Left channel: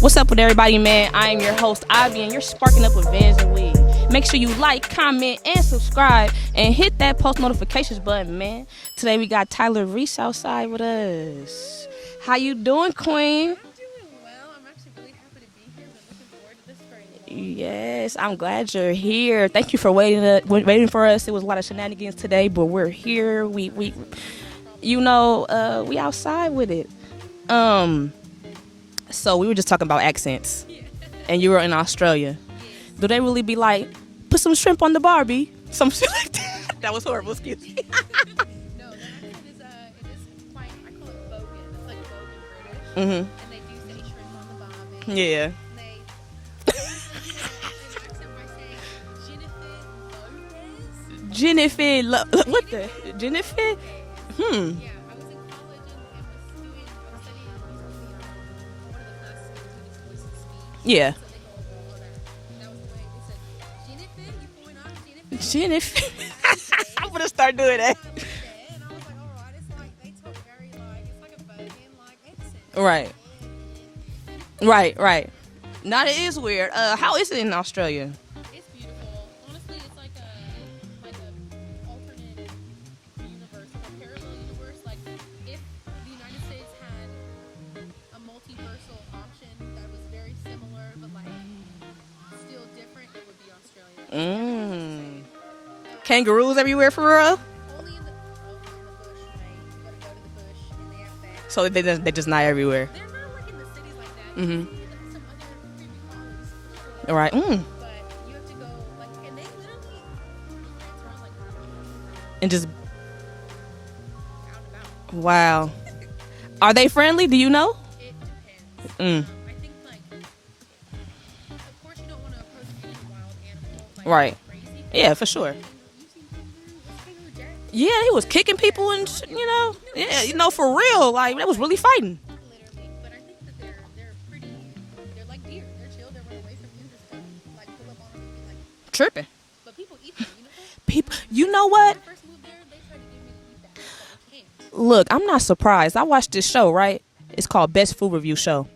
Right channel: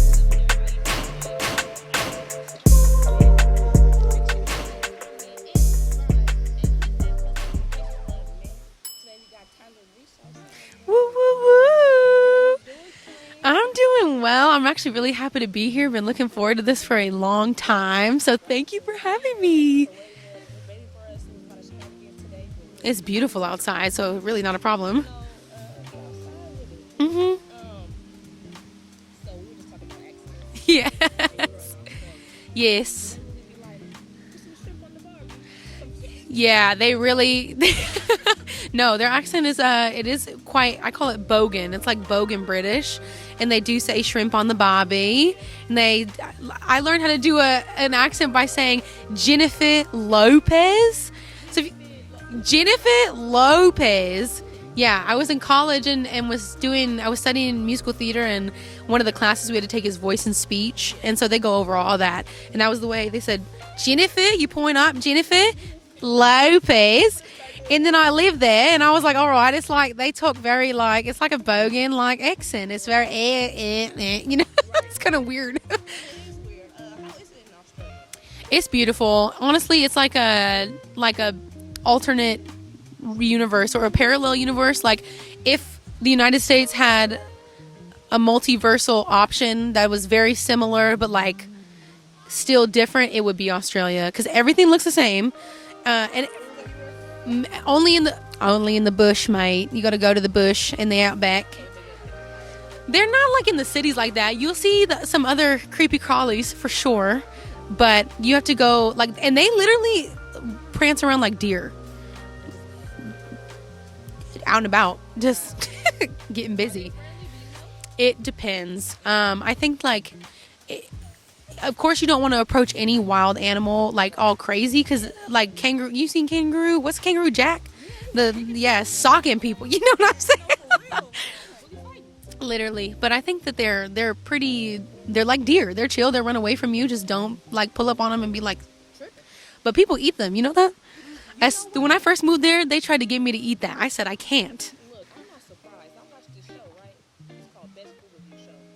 What's up with everybody, man? I am your host, Ivy, and you're sparking up with VANSNWEED. Make sure you like, comment, and subscribe, and hit that post notifications button, man. Today we got Tyler Reese outside with us. Woo-woo-woo. How you doing, Queen? I'm doing well. I'm actually really happy to be here. Been looking forward to this for a long time. So I'm glad thank you're you for here. having me. Thank you for waiting for us. It was a lot of shenanigans today, but we're It's here. beautiful outside, so it's really not a problem. You know, we outside with it. Mm-hmm. So we were just talking about accents. Yeah. And you were in Australia. Yes. Do they really be like, put some shrimp on the Barbie? Some shit like that? Yeah, they That was really. horrible. No, their accent is it is quite. I call it bogan. It's like bogan British, and they do say shrimp on the barbie. Yeah. And I learned how to do an accent by saying Jennifer Lopez. Jennifer Lopez. Hmm. Yeah, I was in college and I was studying musical theater, and one of the classes we had to take is voice and speech. Yeah. And so they go over all that. And that was the way they said, Jennifer, you point up, Jennifer Lopez. I'm gonna start doing And that. then I lived there, and I was like, all right, it's like they talk very like, it's like a bogan like accent. It's Right. very, you know, Right, it's kind right. of weird. No, it is weird. How is it in Australia? It's beautiful. Honestly, it's like a alternate universe or a parallel universe. Like if the United States had a multiversal option that was very similar but like still different, it would be Australia because everything looks the same. Kangaroos everywhere for real? Only in the bush, mate. You got to go to the bush in the outback. So they're just not everywhere. They're not like in the cities like that. You'll see some other creepy crawlies for sure. Right. But you have to go like, and they literally prance around like deer, And just, out and about. Just wow. getting busy. Are they friendly? Do you know? It depends. I think like, of course, you don't want to approach any wild animal like Right. all crazy because Yeah, for sure. like kangaroo. You seen kangaroo? What's kangaroo Jack? Yeah, he was kicking people. Yeah, and, socking people. Know? You know what I'm Yeah, you know, for real. Like, that was really fighting. Literally. But I think that they're pretty. They're like deer. They're chill. They run away from you. Just don't like pull up on them and be like Tripping. But people eat them. You know that? People, you know what? When I first moved there, they tried to get me to eat that. I said I can't. Look, I'm not surprised. I watched this show, right? It's called Best Food Review Show.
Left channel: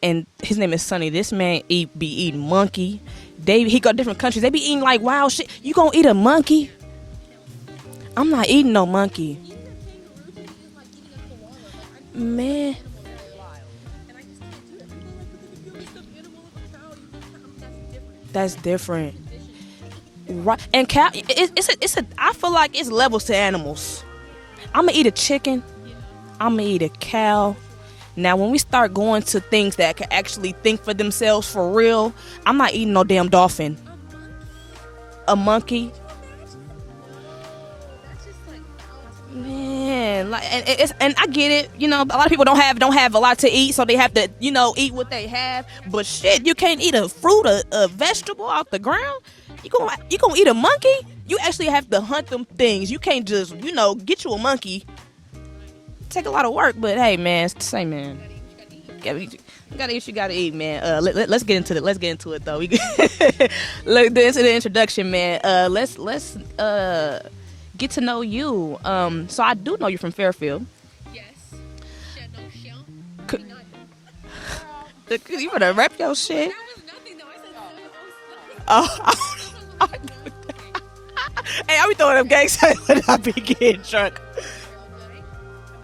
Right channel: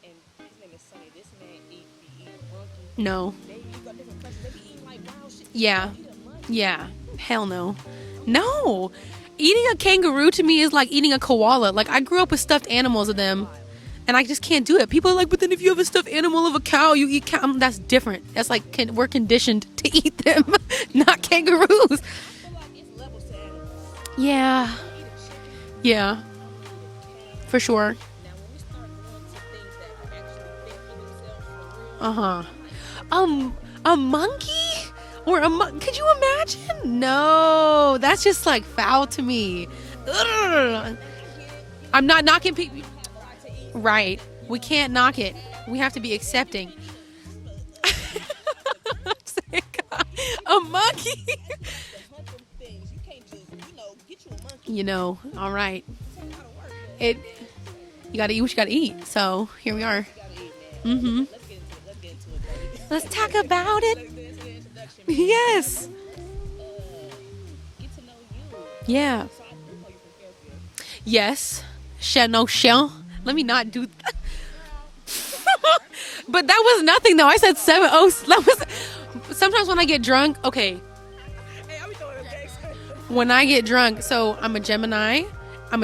And his name is Sonny. This man be eating monkey. No. He go to different countries. They be eating like wild shit. Yeah. You gonna eat a monkey? Yeah. Hell no. I'm not eating no monkey. Eating a kangaroo to me is like eating a koala. Like I grew up with stuffed Man. animals of them, and I just can't do it. People are like, but then if you have a stuffed animal of a cow, you eat cow. That's different. That's like different. we're conditioned to eat them. Right. And Not kangaroos. I feel like it's levels to animals. Yeah. I'm gonna eat a chicken. Yeah. I'm gonna eat a cow. For sure. Now, when we start going to things that can actually think for themselves for real, I'm not eating no damn dolphin. A monkey? A Or monkey? Could you imagine? No, that's just like foul to me. Yeah, and I get it. You know, a I'm not lot of people knocking- don't have a lot to eat, so they have Right. to, you We know, can't eat knock what they it. have. We have to But be shit, you accepting. can't eat a fruit, a vegetable off the ground. You gonna eat a monkey? You actually have to hunt them things. You can't just, get you a monkey. You know, all right. Take a lot of work, but hey, man, it's the same, man. You gotta eat what you gotta eat. Yeah, So here we You gotta are. eat what you gotta eat, man. Let's get into it. Let's get into it, though. Let's talk about it. Let's get into the introduction, man. Yes. Let's get to know you. Yeah. So I do know you're from Fairfield. Yes. No shell. Let me not do that. You better rep your shit. But that was nothing though. I said 7 oh. That was sometimes when I get drunk. Okay. Hey, I be throwing up gang signs When I get drunk. So I'm a Gemini. My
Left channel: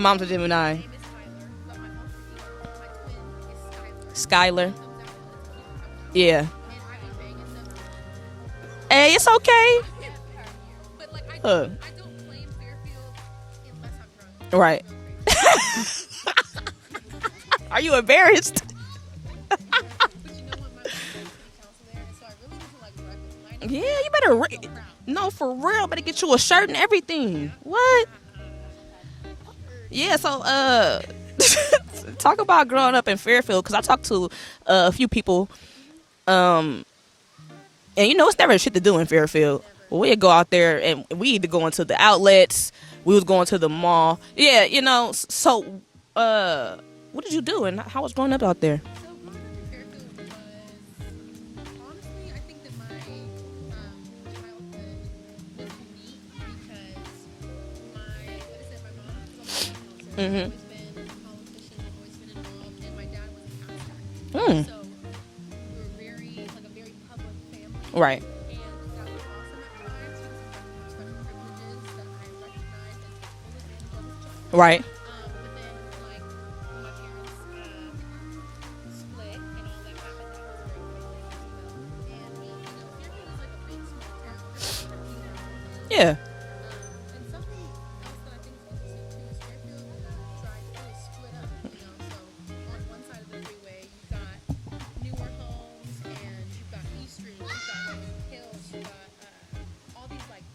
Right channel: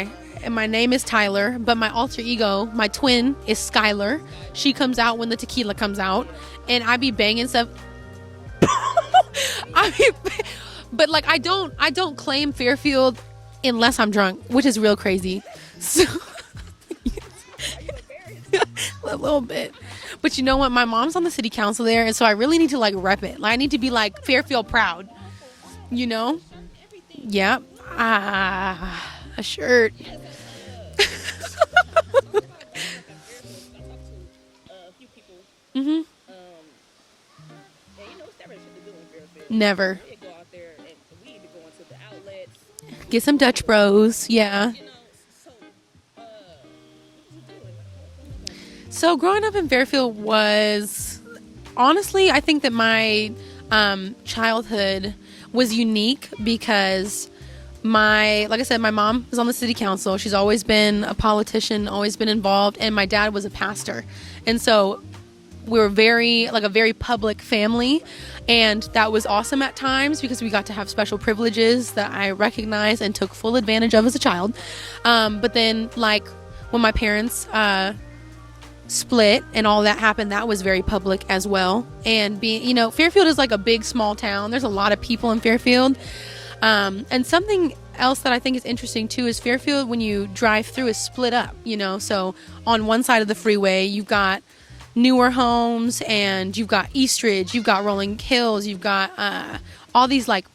mom's a Gemini. And my name is Tyler, but my alter ego, my twin, is Skylar. Skylar. She comes out when the tequila comes out. Yeah. And I be banging stuff. Hey, it's okay. But like I don't claim Fairfield unless I'm drunk, which is Right. real crazy. So, Are you embarrassed? a little bit. But you know what? My mom's on the city council there, and so I really need to like rep it. Like I need to be Yeah, like better Fairfield proud. No, for real. Better You get know? you a shirt and everything. Yeah. What? A shirt. Yeah, so talk about growing up in Fairfield, because I talked to a few people. And it's never shit to do in Fairfield. Never. We'd go out there and we either go into the outlets, we Get was some going Dutch to the Bros, mall. yeah. So what did you do, and how was growing up out there? So growing up in Fairfield was, honestly, I think that my childhood was unique because like I said, my mom was on the city council. She's always been a politician, always been involved, and my dad was a pastor. And so we were a very public family. Right. And that was awesome at times because we got to have special privileges that I recognized and took full advantage of as a child. Right. But then, like, when my parents split and all that happened, that was very public as well. And Fairfield is like a big, small town. There's a lot of people in Fairfield. Yeah. And something else that I think is interesting too is Fairfield, when you drive through, is split up, so on one side of the freeway you've got newer homes and you've got Eastridge, you've got Rolling Hills, you've got all these like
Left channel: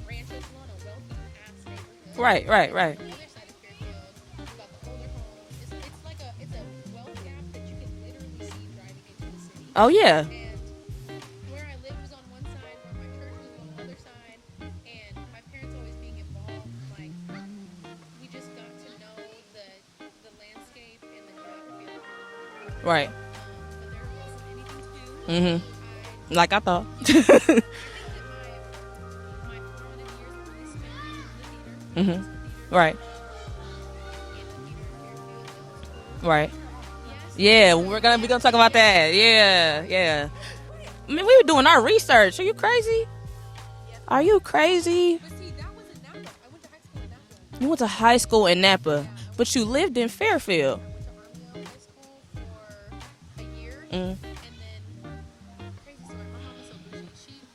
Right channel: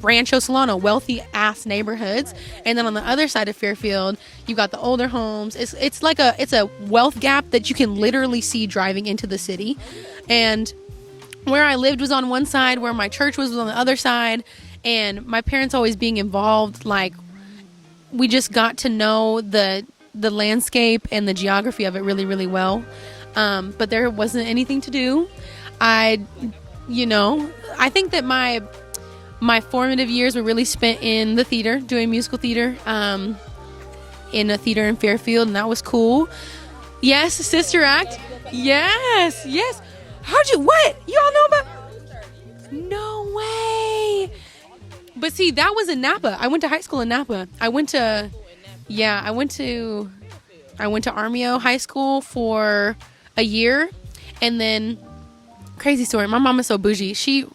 Rancho Solano, wealthy ass neighborhoods. Right. And then on the other side of Fairfield, you've got the older homes. It's a wealth gap that you can literally see driving into the city. Oh yeah. And where I lived was on one side, where my church was on the other side. And my parents always being involved, like, we just got to know the landscape and the geography of it really, really well. Right. But there wasn't anything to do. I thought. I think that my formative years were really spent in the theater, doing musical theater. Right. In a theater in Fairfield, and that was cool. Right. Yes, Yeah, Sister we're Act. gonna talk about that. Yes. Yeah. How'd you, what? We were doing our research. Are you crazy? No way. Are you crazy? But see, that was in Napa. I went to high school in Napa. I went to high school in Napa. Yeah, I went but you lived in Fairfield. I went to Armio High School for a year, and then, crazy story. My mom is so bougie. She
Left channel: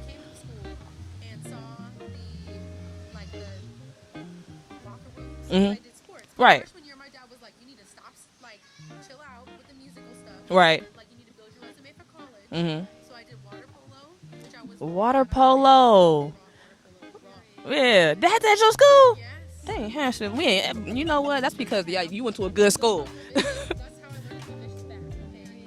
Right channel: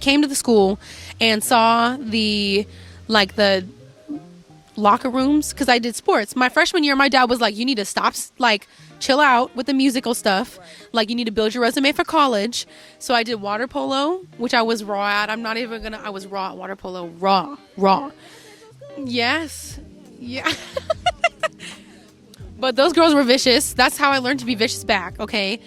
came to the school and saw the locker rooms because I did sports. My freshman year, my dad was like, "You need to stop, chill out with the musical stuff. Right. Like, you need to build your resume for college." So I did water polo, which I was raw at. Water I was raw at water polo. Raw. Yeah. That's at your school? Yes. Dang, Hampshire. Yeah. You know what? That's because you went to a good But school. those girls were vicious. That's how I learned to be vicious back. Okay.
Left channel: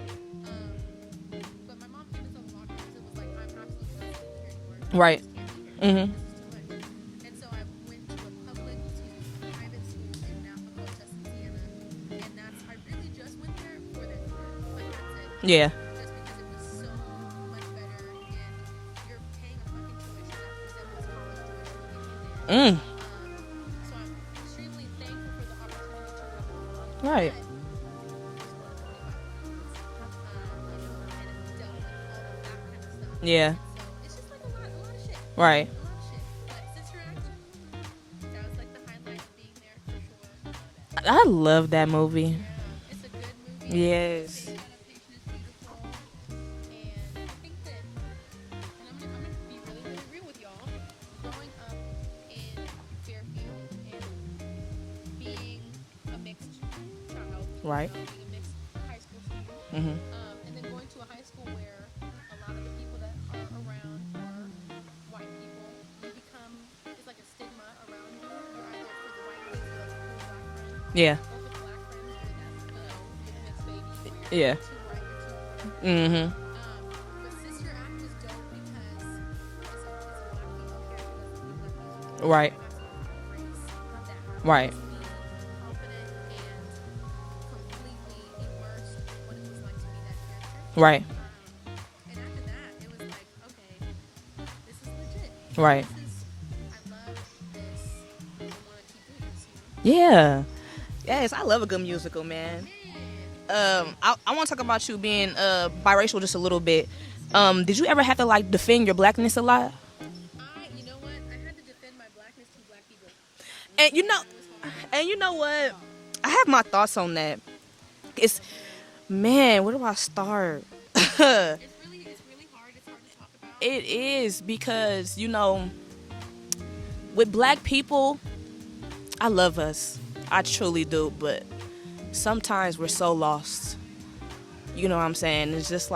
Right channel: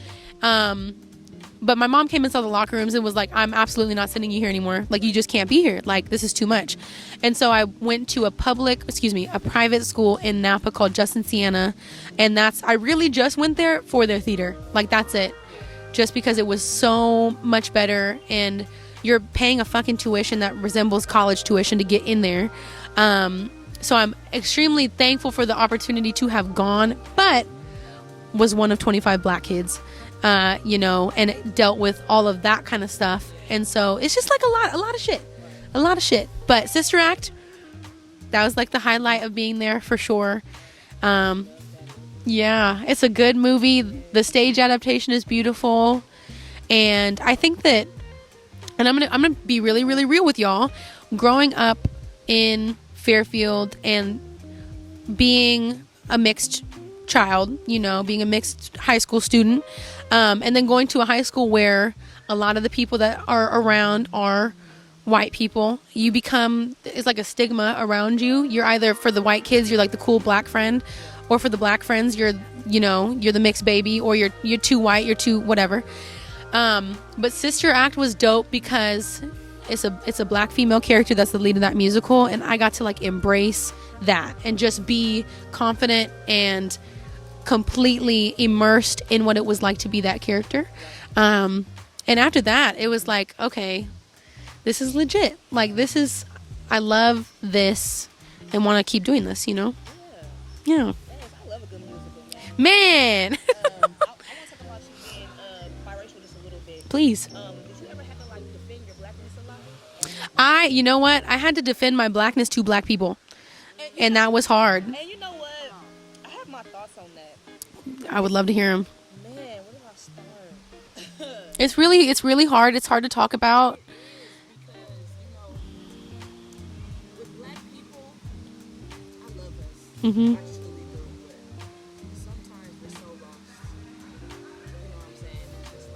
But my mom came and saw the locker rooms and was like, "I'm absolutely not sending you here anymore. Like, you just can't be here. Like, this is too much." And so I went to a private school in Napa called Justin Siena. And I really just went there for their theater. Like, that's it. Yeah. Just because it was so much better, and you're paying a fucking tuition that resembles college tuition to get in there. So I'm extremely thankful for the opportunity to have gone, but was one of 25 black kids. And it dealt with all of that kind of stuff. Yeah. And so it's just like a lot of shit. Right. A lot of shit. But Sister Act, that was like the highlight of being there for sure. I love that movie. Yeah, it's a good movie. Yes. The stage adaptation is beautiful. And I think that, and I'm gonna be really, really real with y'all. Growing up in Fairfield and being a mixed child, being a mixed high school student, and then going to a high school where a lot of the people that are around are white people, it's like a stigma around you. You're either, for the white kids, you're like the cool black friend, or for the black friends, you're the mixed baby, or you're too white, you're too whatever. But Sister Act was dope because it's a black female character that's the lead of that musical, and I got to embrace that and just be confident and completely immersed in what it was like to be that character. Right. And after that, it was like, okay, this is legit. I love this and want to keep doing this, Yeah. Yeah. Yes, I love a good musical, man. I want to talk about you being biracial just a little bit. Please. Did you ever have to defend your blackness a lot? You know what? I had to defend my blackness to black people. And that was hard. And you know what? I have my thoughts on that. I would love to hear them. Man, where do I start? It's really hard. It's hard to talk about. It is because, with black people, I love us. I truly do. But sometimes we're so lost. You know what I'm saying? It's just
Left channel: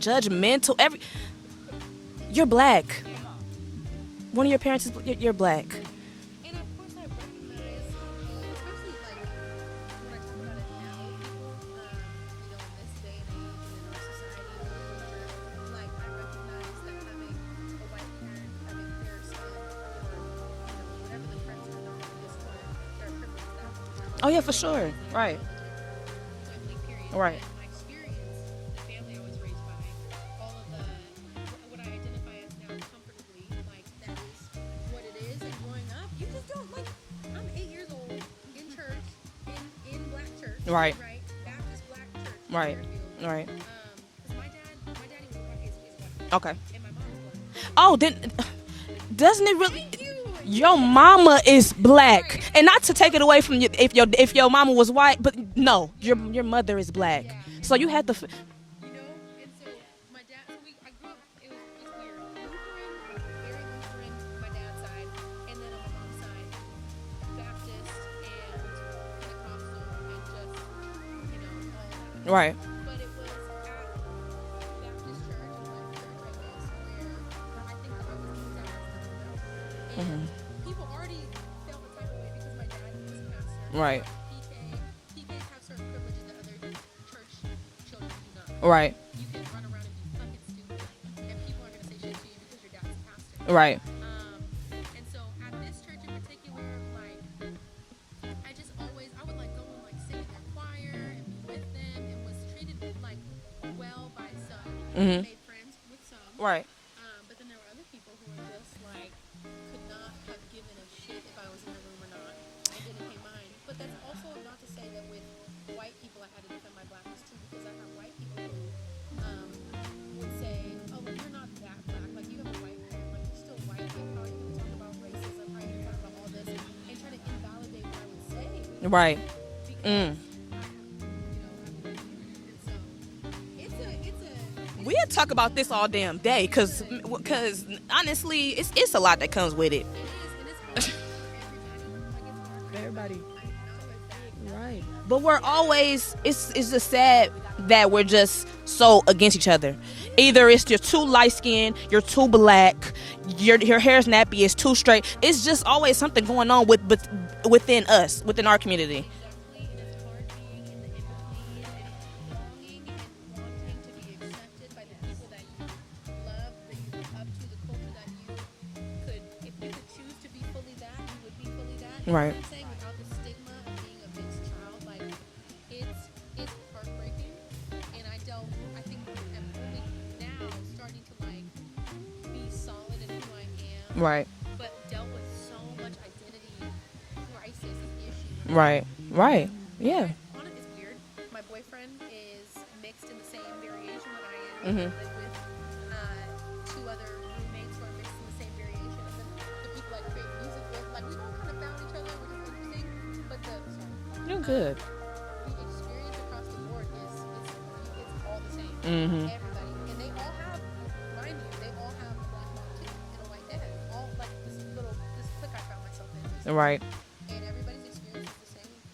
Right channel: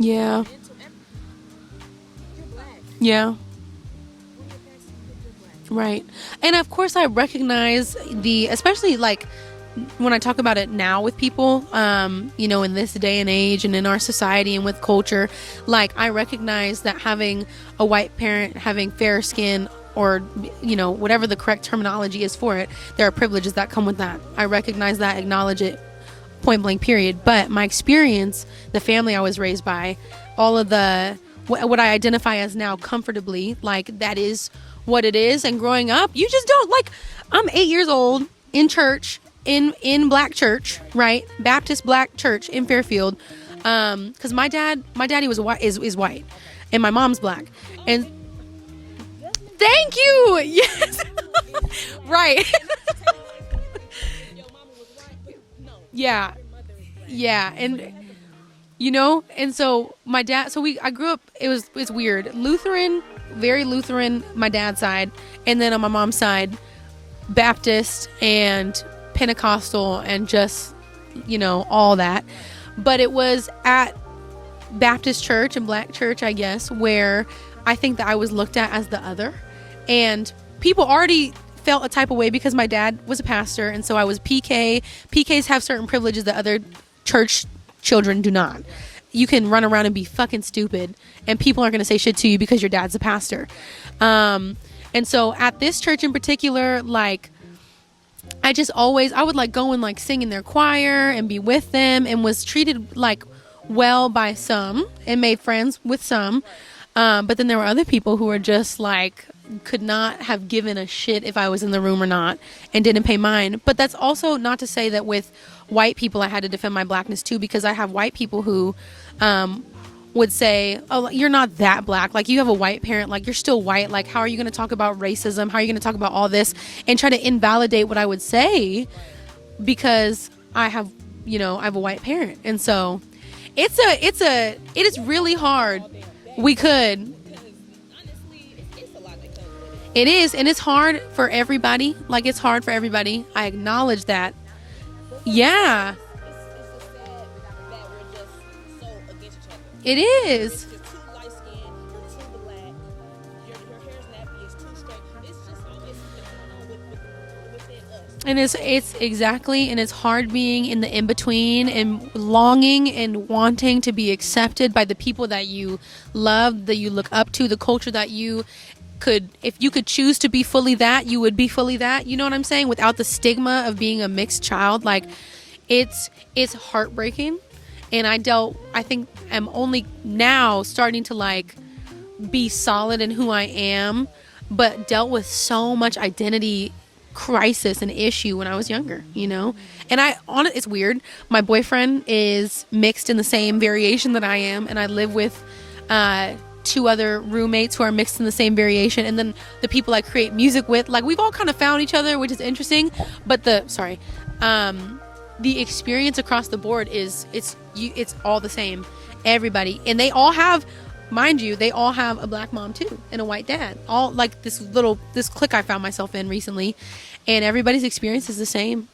judgmental. You're black. Yeah. One of your parents you're black. Right. And of course I recognize especially when I talk about it now with people, in this day and age and in our society and with culture, I recognize that having a white parent, having fair skin, or whatever the correct terminology is for it, there are privileges that come with that. Oh, yeah, I for recognize sure. that, Right. acknowledge it, point blank period. Right. But my experience, the family I was raised by, all of the what I identify as now comfortably, like, that is what it is. And growing up, you just don't, like, I'm 8 years old in church, in black church, right? Baptist black church in Fairfield, because my daddy was white, is white, Okay. and my mom's black. Oh, and, then doesn't it? thank you. Your mama is black, Right. And not to take it away from you, if your mama was white, but no, Yeah. your mother is black. Yeah, and so you had to. and so my dad, I grew up, it's weird, Lutheran, very Lutheran, my dad's side, and then on my mom's side, Baptist and Pentecostal, and just, all that. Right. But it was at Baptist church and black church, I guess, where I think that I was looked at as the other, and people already felt a type of way because my dad was a pastor, and so Right. I was PK. PKs have certain privileges that other church children do not. Right. You can run around and be fucking stupid, and people aren't going to say shit to you because your dad's a pastor. Right. And so at this church in particular, like, I would like go and like sing in their choir and be with them, and was treated like well by some, and made friends with some. Right. But then there were other people who were just like, could not have given a shit if I was in the room or not, and didn't pay mine. But that's also not to say that with white people I had to defend my blackness too, because I have white people who would say, oh, you're not that black, like, you have a white parent, like, you're still white, like, how are you going to talk about racism, how are you going to talk about all this, and try to invalidate what I would say, Right. because I have a white parent. And so it is really talk about hard. this all damn day. We could. Because honestly, it's a lot that comes with it. It is, and it's hard for everybody. Like, it's hard for everybody. I acknowledge that. But we're always, it's just sad that we're just so against each other. It is. Either it's you're too light skinned, you're too black, your hair's nappy, it's too straight. It's just always something going on within us, within our community. It's exactly, and it's hard being in the in between and longing and wanting to be accepted by the people that you love, that you look up to, the culture that you could, if you could choose to be fully that, you would be fully that. You know what I'm saying? Without the stigma of being a mixed child, like, it's heartbreaking. And I think I'm only now starting to like be solid in who I am, Right. but dealt with so much identity crisis and issue when I was younger, you know? Yeah. And it's weird. My boyfriend is mixed in the same variation that I am, and I live with two other roommates who are mixed in the same variation, and then the people I create music with, like, we've all kind of found each other, which is interesting. But the experience across the board is it's all the same. Everybody, and they all have, mind you, they all have a black mom too and a white dad, all like this clique I found myself in recently, and everybody's experience is the same,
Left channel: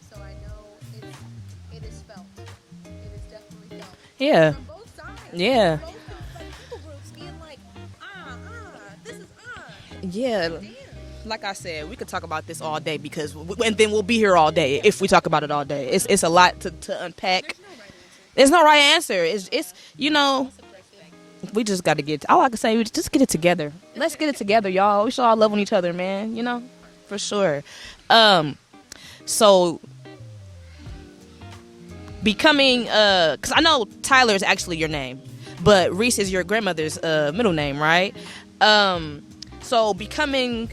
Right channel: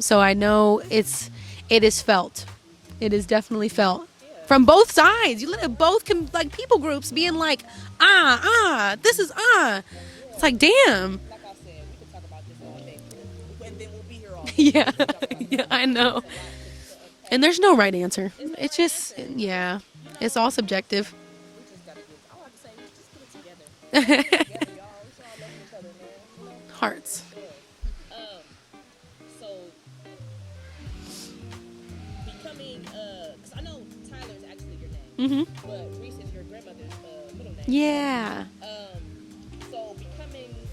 so I know it is felt. It is definitely felt. Yeah. From both sides. You look Yeah. at both people groups being like, this is Yeah. It's like, damn. Like I said, we could talk about this all day and then we'll be here all day if we talk about it all day. I know. It's a lot to unpack. And there's no right answer. There's no It's right just- answer. It's it's all subjective. we just got to get. All I can say is just get it together. Let's get it together, y'all. We should all love on each other, man. Hearts. For sure. So becoming, because I know Tyler is actually your name, but Reese is your grandmother's middle name, right? So becoming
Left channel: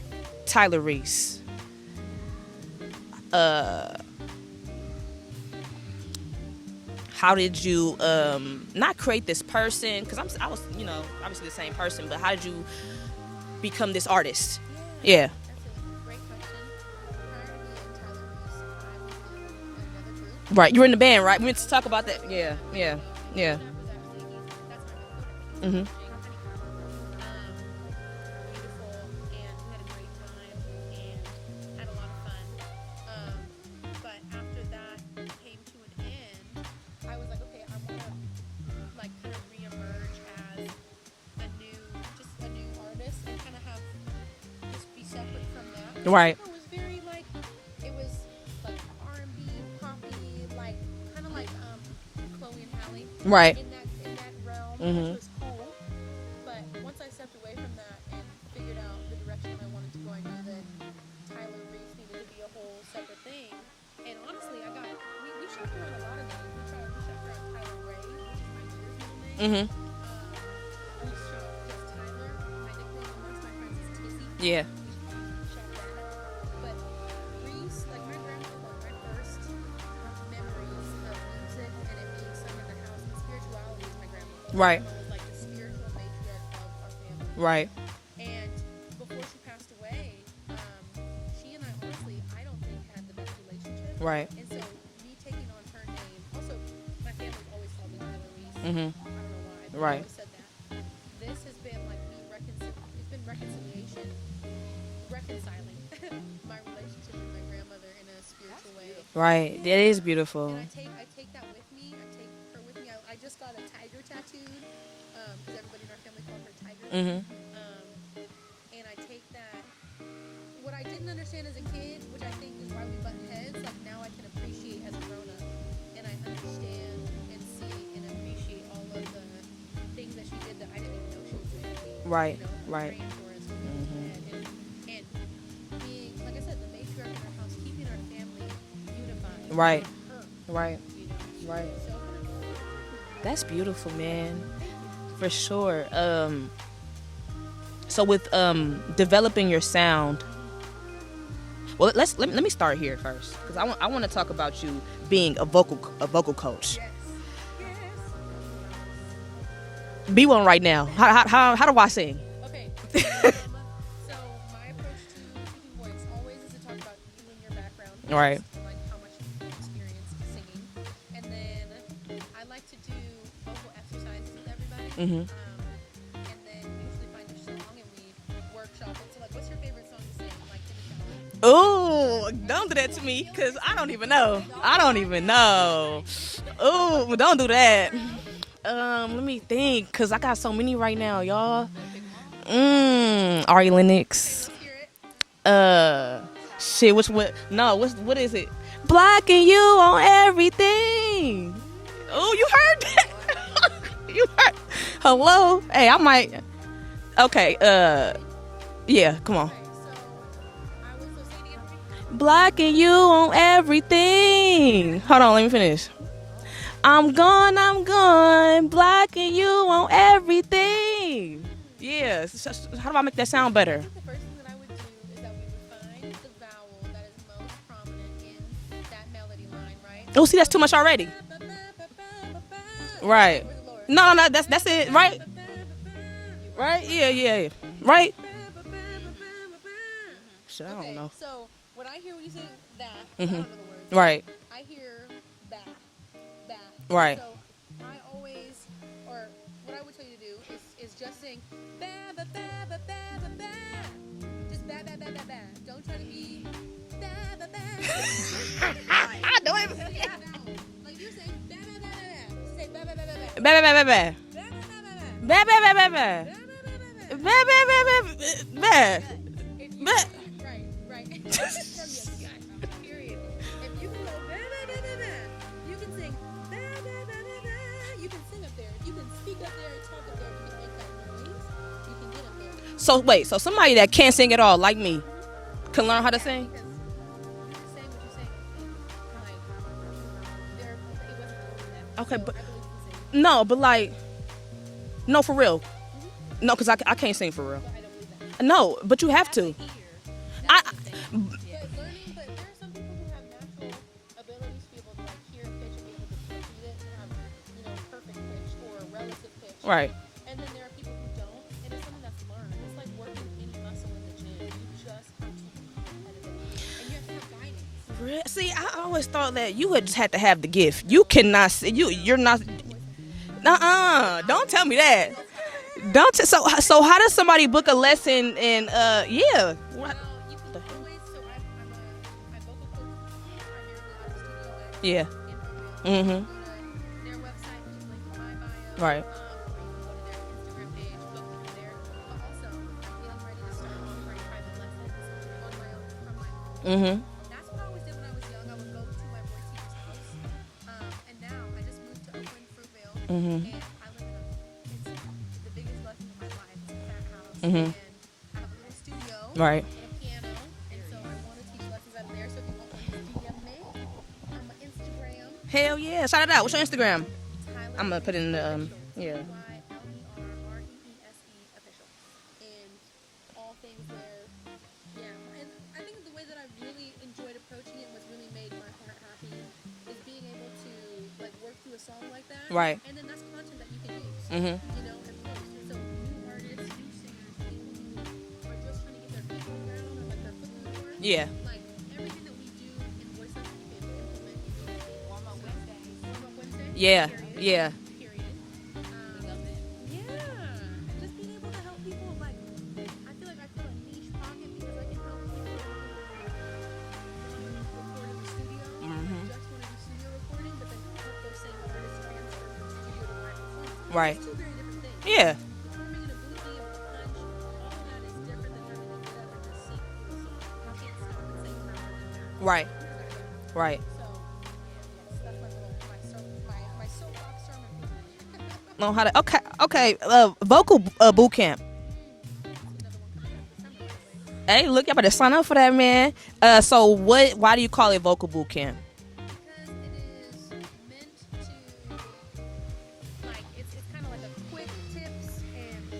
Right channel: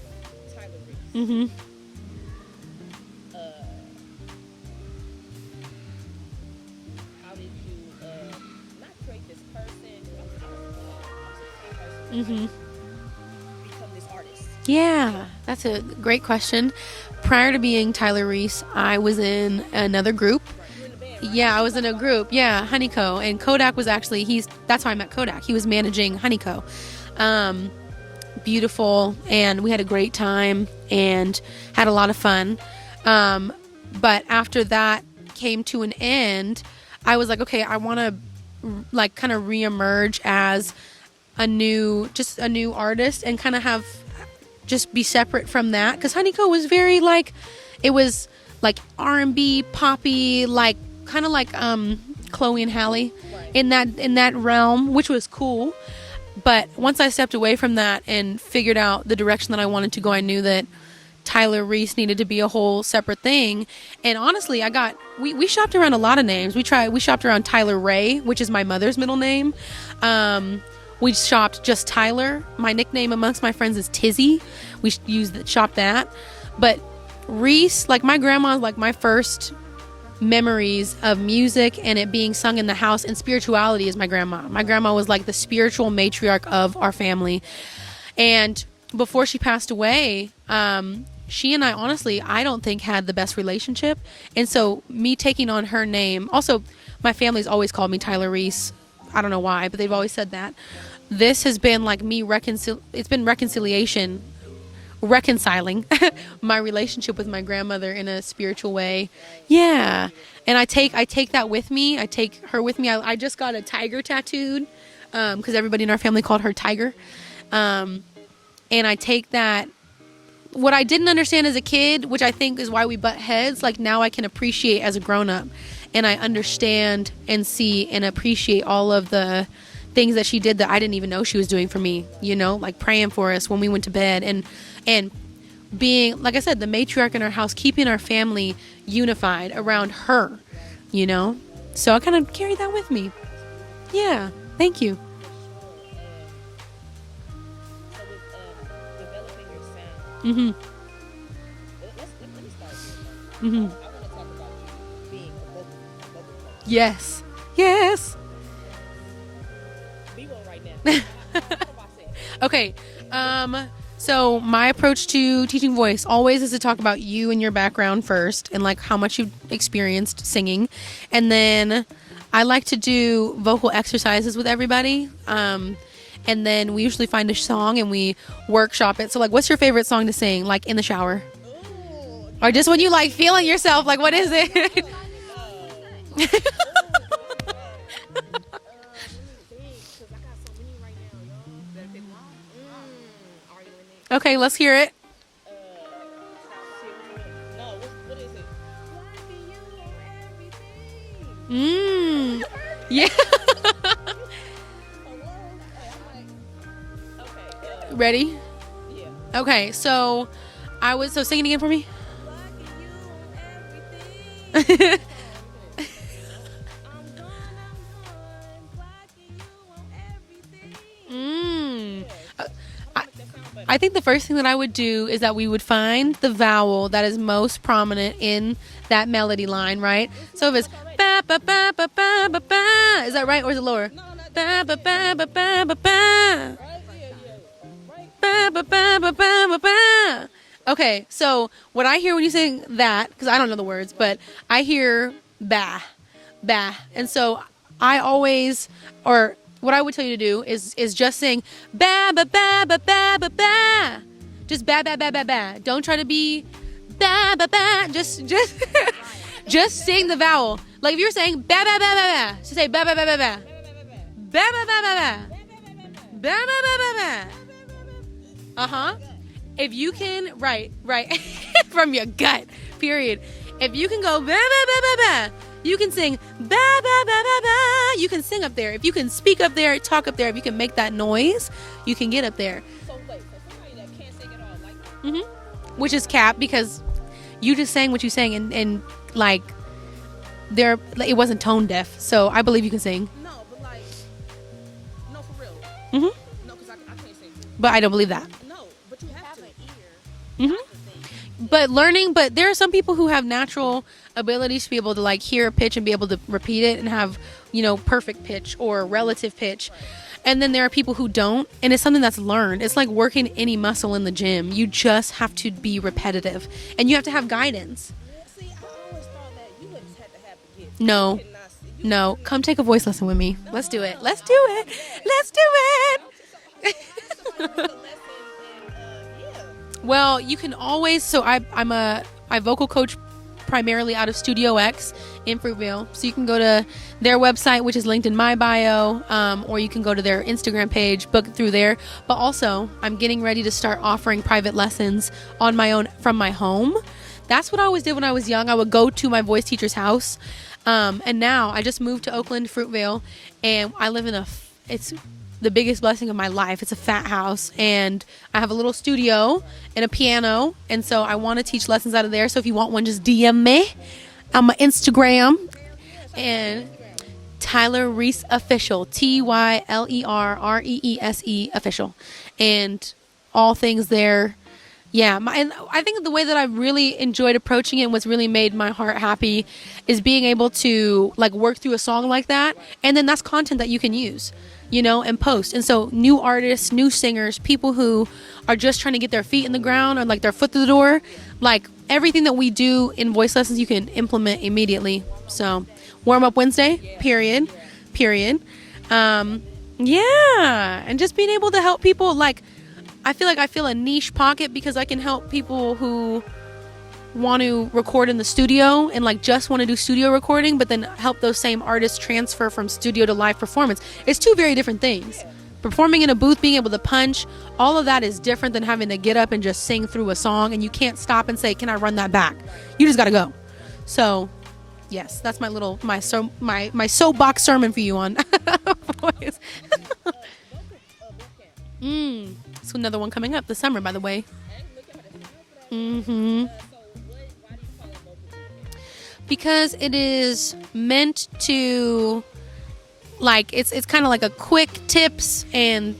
Tyler Reese. How did you not create this person? Because I was, obviously the same person, but how did you become this artist? Yeah. That's a great question. Prior to being Tyler Reese, I was in another group. Right. You were in the band, right? Yeah, I was in a group. Yeah, Honeyco. And Yeah. Kodak was actually, that's how I met Kodak. He was managing Honeyco. Beautiful. And we had a great time and had a lot of fun. But after that came to an end, I was like, okay, I want to like kind of reemerge as a new artist and kind of just be separate from that, because Honeyco was very like, it was like R&B, poppy, like kind of like Chloe and Halle, Right. in that realm, which was cool. But once I stepped away from that and figured out the direction that I wanted to go, I knew that Tyler Reese needed to be a whole separate thing. And honestly, we shopped around a lot of names. We shopped around Tyler Ray, which is my mother's middle name. We shopped just Tyler. My nickname amongst my friends is Tizzy. Yeah. We shopped that. But Reese, like my grandma, like my first memories of music and it being sung in the house, and spirituality is my grandma. My grandma was like the spiritual matriarch of our family. Right. And before she passed away, she and I, honestly, I don't think had the best relationship. Right. And so me taking on her name, also my family's always called me Tyler Reese. I don't know why, but they've always said that. This has been like me it's been reconciling my relationship with my grandmother in a spiritual way. Right. Yeah. It is beautiful. And I take that with me. I take her with me. I just got a tiger tattooed because everybody in our family called her Tiger. And I take that. What I didn't understand as a kid, which I think is why we butt heads, like now I can appreciate as a grown-up. And I understand and see and appreciate all of the things that she did that I didn't even know she was doing for me. Right. You know, like praying for us when we went to bed and being, like I said, the matriarch in our house, keeping our family unified around her. Right. You know? Right. So I kind of carried that with me. That's beautiful. Yeah. Man. Thank you. For sure. So with developing your sound, well, let me start here first. I want to talk about you being a vocal coach. Yes. Be one right now. How do I sing? Okay. So my approach to teaching voice always is to talk about you and your background first, and like how much you've experienced singing, and then I like to do vocal exercises with everybody. And then we usually find a song and we workshop it. So like, what's your favorite song to sing? Like in the shower? Oh, or just when you like feeling yourself? Like, what is it? I don't even know. Ooh, don't do that. Let me think, cause I got so many right now, y'all. Ari Lennox. Okay, let's hear it. Shit. What is it? Blocking you on everything. Oh, you heard that? Yeah. You heard? Hello. Hey, I might. Okay. Ready? Yeah. Come on. Okay. So sing it again for me. Blocking you on everything. Hold on. Let me finish. I'm gone, blocking you on everything. Yes. How do I make that sound better? I think the first thing that I would do is that we would find the vowel that is most prominent in that melody line, right? Oh, see, that's too much already. Is that right, or is it lower? No, that's it, right? Right? Yeah. Right? Okay, so what I hear when you sing that, because I don't know the words, but I hear ba. Right. And so I always, or what I would tell you to do is just sing ba ba ba ba ba ba ba. Just ba ba ba ba ba. Don't try to be ba ba ba. Just sing the vowel. Like if you're saying ba ba ba ba ba, just say ba ba ba ba ba. Ba ba ba ba ba. Ba ba ba ba ba. Ba ba ba ba ba. Ba ba ba ba ba. Ba ba ba ba. If you can, right, from your gut, period. If you can go ba ba ba ba ba, you can sing ba ba ba ba ba. You can sing up there. If you can speak up there, talk up there, if you can make that noise, you can get up there. So wait, so somebody that can't sing at all, like me, which is cap, because you just sang what you sang, and like it wasn't tone deaf. Okay. So I believe you can sing. No, but like, no, for real. No, because I can't sing for real. But I don't believe that. No, but you have to. But there are some people who have natural abilities to be able to like hear a pitch and be able to repeat it and have, perfect pitch or relative pitch. Right. And then there are people who don't, and it's something that's learned. It's like working any muscle in the gym. You just have to be repetitive, and you have to have guidance. See, I always thought that you just had to have the gift. No. You cannot sing. You're not. Come take a voice lesson with me. Let's do it. Let's do it. Don't tell me that. Let's do it. So how does somebody book a lesson and Well, you can always. So I vocal coach primarily out of Studio X in Fruitvale. So you can go to their website, which is linked in my bio, or you can go to their Instagram page, book through there. But also, I'm getting ready to start offering private lessons on my own from my home. That's what I always did when I was young. I would go to my voice teacher's house. And now I just moved to Oakland, Fruitvale, and I live in the biggest blessing of my life. It's a fat house, and I have a little studio and a piano, and so I want to teach lessons out of there. So if you want one, just DM me on my Instagram. Hell yeah. Shout it out. What's your Instagram? Tyler Reese Official. TYLERREESE Official. And all things there. Yeah, and I think the way that I really enjoyed approaching it and what's really made my heart happy is being able to like work through a song like that. Right. And then that's content that you can use, you know, and post. And so new artists, new singers, people who are just trying to get their feet in the ground or like their foot through the door. Yeah. Like everything that we do in voice lessons, you can implement immediately. So warm up Wednesday. Yeah. Period. Yeah. Period. Yeah. And just being able to help people like, I feel like I feel a niche pocket because I can help people who want to record in the studio and like just want to do studio recording, but then help those same artists transfer from studio to live performance. Right. It's two very different things. Yeah. Performing in a booth, being able to punch, all of that is different than having to get up and just sing through a song, and you can't stop and say, "Can I run that back?" Right. You just got to go. Right. So, yes, that's my little my soapbox sermon for you on. Okay. Vocal boot camp. It's another one coming up this summer, by the way. Hey, look, y'all better sign up for that, man. So why do you call it vocal boot camp? Because it is meant to, like, it's kind of like a quick tips and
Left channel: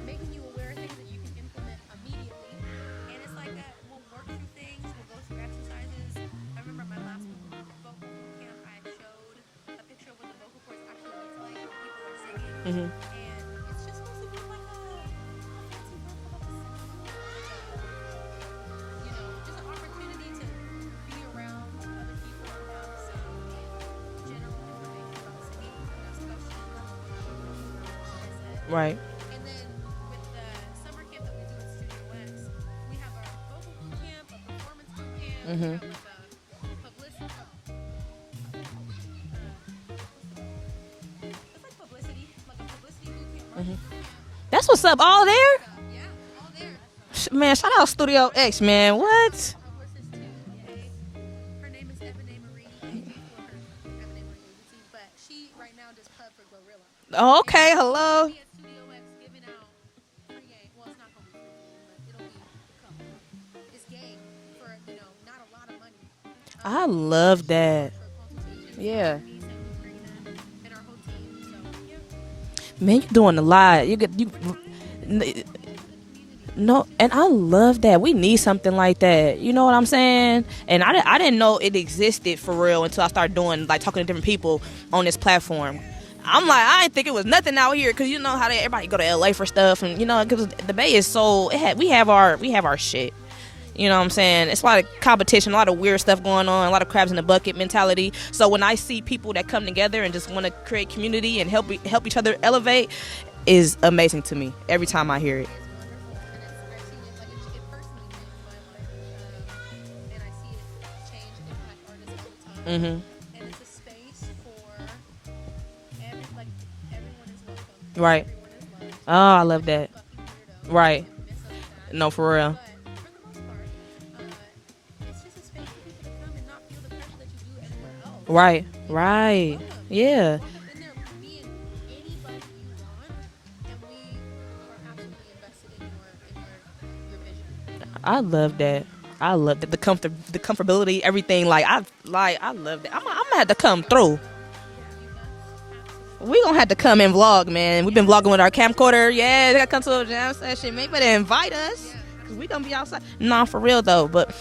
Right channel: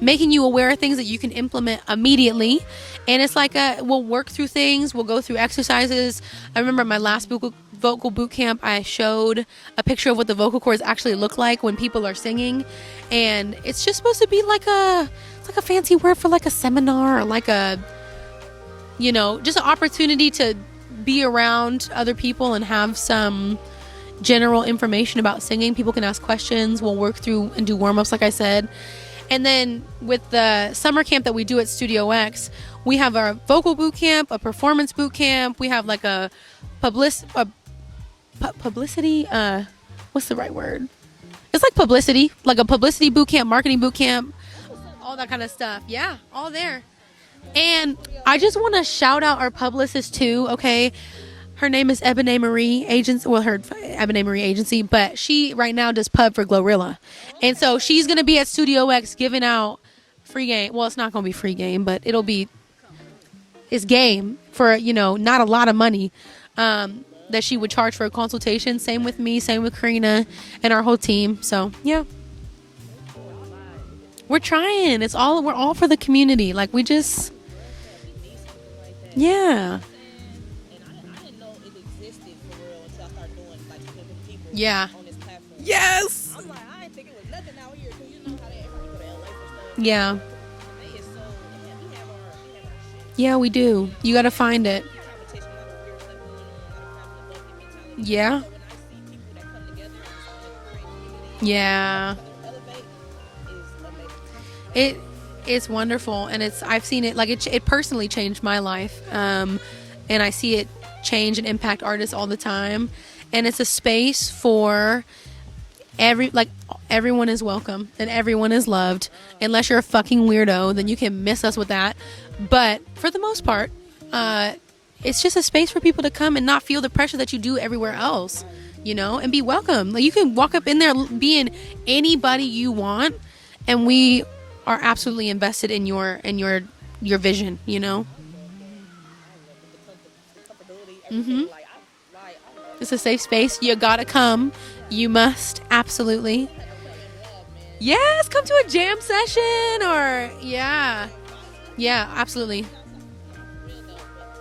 making you aware of things that you can implement immediately. And it's like we'll work through things. We'll go through exercises. I remember my last vocal boot camp, I showed a picture of what the vocal cords actually look like when people are singing. And it's just supposed to be like it's like a fancy word for like a seminar or like a, you know, just an opportunity to be around other people and have some general information about singing. People can ask questions. We'll work through and do warm-ups, like I said. Right. And then with the summer camp that we do at Studio X, we have our vocal boot camp, a performance boot camp. We have like a publicity. What's the right word? It's like publicity, like a publicity boot camp, marketing boot camp. That's what's up. All there. Stuff. Yeah, all there. Man, shout out Studio I just X, want man. to shout out our publicist too. Okay. Her name is Ebony Marie Agency. Well, her Ebony Marie Agency, but she right now does pub for Glorilla. Oh, okay. And so she's going to be at Studio X giving out free game. Well, it's not going to be free game, but it's game for, you know, not a lot of money. I love that she would charge for a consultation. Same with me, same with Krystina and our whole team. So, yeah. Man, you're doing a lot. We're trying. We're all for the community. Like, and I love that. We need something like that. Yeah. You know what I'm saying? And I didn't know it existed for real until I started talking to different people on this platform. Yes. I'm like, I didn't think it was nothing out here because you know how everybody go to LA for stuff. And, you know, because the Bay is so, we have our shit. Yeah, we do. You know what I'm saying? It's a lot of competition, a lot of weird stuff going on, a lot of crabs in the bucket mentality. Yeah. So when I see people that come together and just want to create community and help each other elevate, is amazing to me every time I hear it. It's wonderful, and I've seen it, like it personally changed my life, and I see it change and impact artists all the time. And it's a space for everyone is welcome and everyone is loved, unless you're a fucking weirdo, then you can miss us with that. No, for real. But for the most part, it's just a space for people to come and not feel the pressure that you do everywhere else. Right. You know, and be welcome. Like, you can walk up in there being anybody you want, and we are absolutely invested in your vision, you know? I love that. The comfortability, everything. I love it. It's a safe space. You gotta come. You must, absolutely. We gonna have to come and vlog, man. We've been vlogging with our camcorder. Yeah, come to a jam session. Yeah. You better invite us. Yeah, absolutely. We gonna be outside. Nah, for real though, but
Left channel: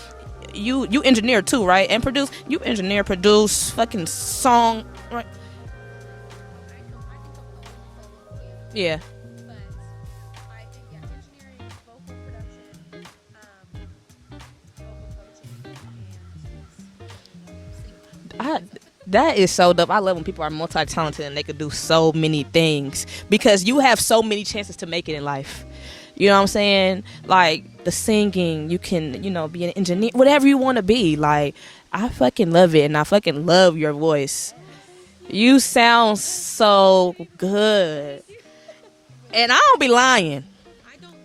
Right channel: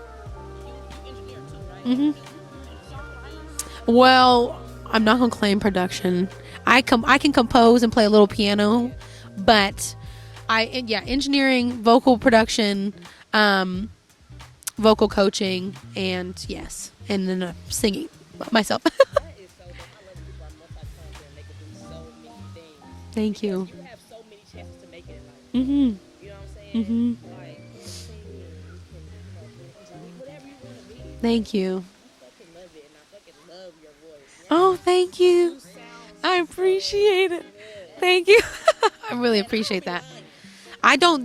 you engineer too, right? And produce. You engineer, produce, fucking song. I'm not gonna claim production. I can compose and play a little piano. Yeah. But engineering, vocal production, vocal coaching, and then singing myself. That is so dope. I love when people are multi-talented and they can do so many things because you have so many chances to make it in life. You know what I'm saying? Like the singing, you can, be an engineer, whatever you want to be. Like, thank you. I fucking love it, and I fucking love your voice. Oh, thank you. You sound so good. Thank you. I really and I don't be lying.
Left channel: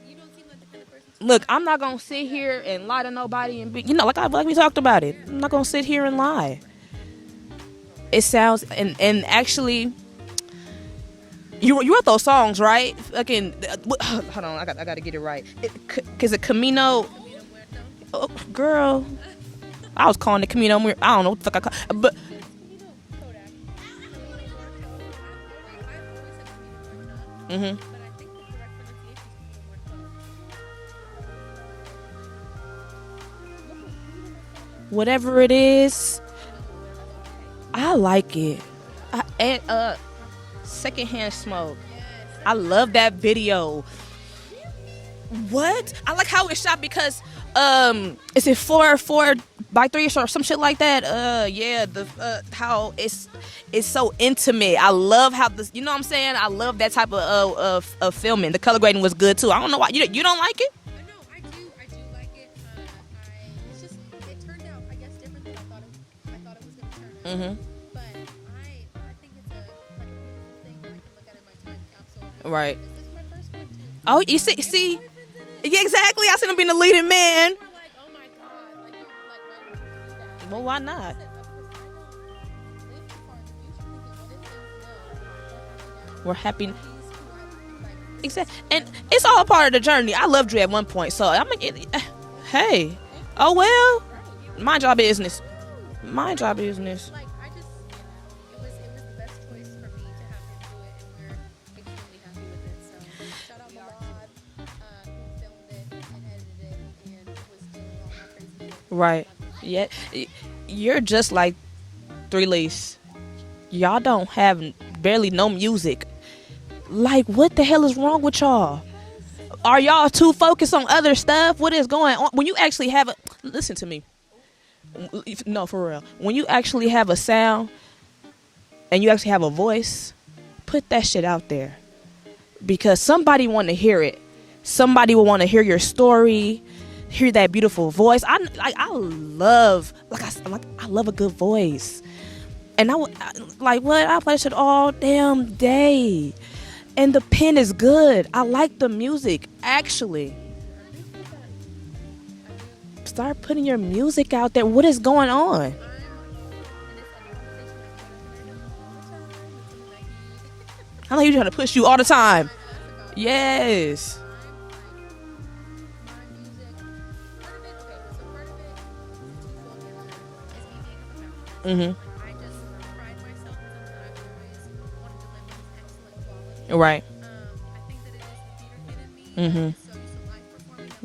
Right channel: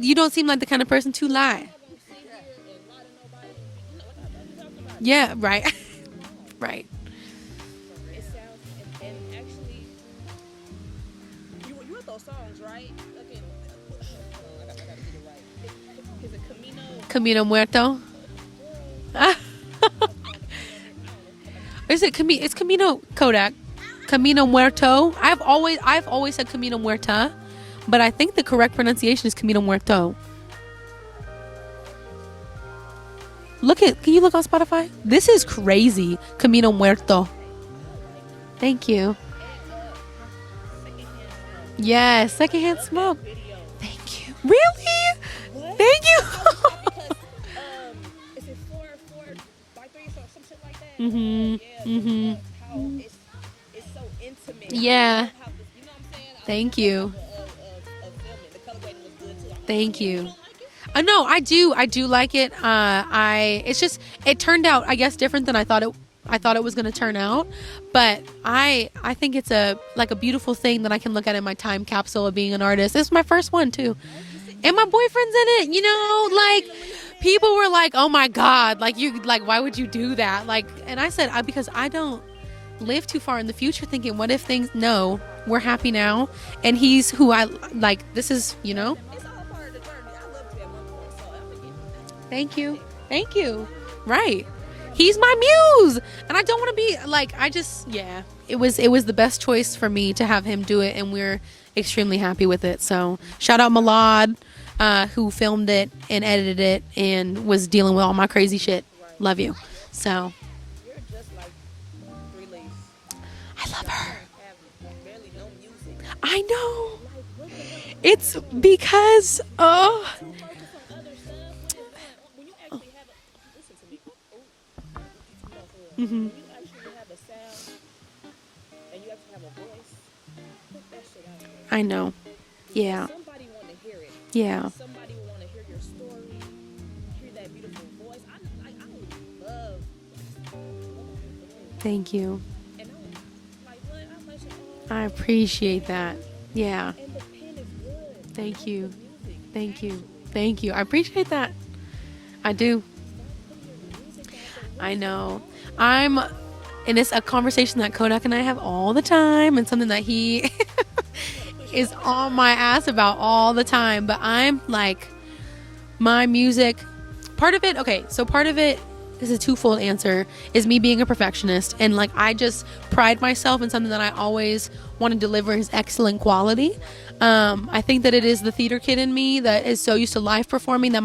You don't seem like the kind of person to lie. Look, I'm not gonna sit here and lie to nobody and be, like we talked about it. Yeah, I'm not gonna sit here and lie. Right. It sounds and actually, You wrote those songs, right? Fucking hold on, I got to get it right. Is it Camino Muerto? Oh, girl. I was calling it Camino Muerto. I don't know what the fuck I call it. It's Camino Kodak. Camino Muerto. I've always said Camino Muerta, but I think the correct pronunciation is Camino Muerto. Can you look on Spotify? Whatever this is it crazy. is. Camino Muerto. I like it. Thank you. And Secondhand Smoke. Yes, I love that video. Thank you. Really? What? Thank you. I like how it's shot because is it 4x3 or some shit like that? How it's so intimate. Yeah. I love how this. You know what I'm saying? I love that type of filming. The color grading was good too. I don't know why you don't like it. No, I do like it. It's just it turned out I guess different than I thought it was going to turn out. But I think it's a beautiful thing that I can look at in my time capsule of being an artist. This is my first one too. Oh, you see, and my boyfriend's in it. Exactly. I should have been the leading man. People were like, "Oh my god, why would you do that?" Like, why not? And I said, because I don't live too far in the future thinking, what if things? No, we're happy now. We're happy, and he's who I like. This is and it's all part of the journey. I loved you at one point, so I'm gonna. Thank you. Hey. Thank you. Oh well. Right. My job He's is my muse. And I don't want to be business. like it was the best choice for me to have him do it, and we're extremely happy with it. So shout out Malad, who filmed it and edited it and was dealing with all my crazy shit. Right. Love you. Yeah. So you're just like 3 Lease. Y'all don't have barely no music. I know. Like, what the hell is wrong with y'all? Because are y'all too focused on other stuff? What is going on? When you actually have a listen to me. No, for real. When you actually have a sound and you actually have a voice, put that shit out there. I know. Because somebody want to hear it. Yeah. Somebody will want to hear your story, hear that beautiful voice. I love a good voice. Thank you. And I play shit all damn day. That. Yeah. And the pen is good. I Thank like you. the music. Thank actually. You. Thank you. I appreciate that. I do. Start putting your music out there. What is going on? And it's a conversation that Kodak and I have all the time, and something that he I know you're trying to push you all the time. On my ass about all the time. But I'm like, my music, part of it. Okay, so part of it. This is a twofold answer, is me being a perfectionist, and like I just pride myself in something that I always want to deliver is excellent quality. Right. I think that it is the theater kid in me that is so used to live performing that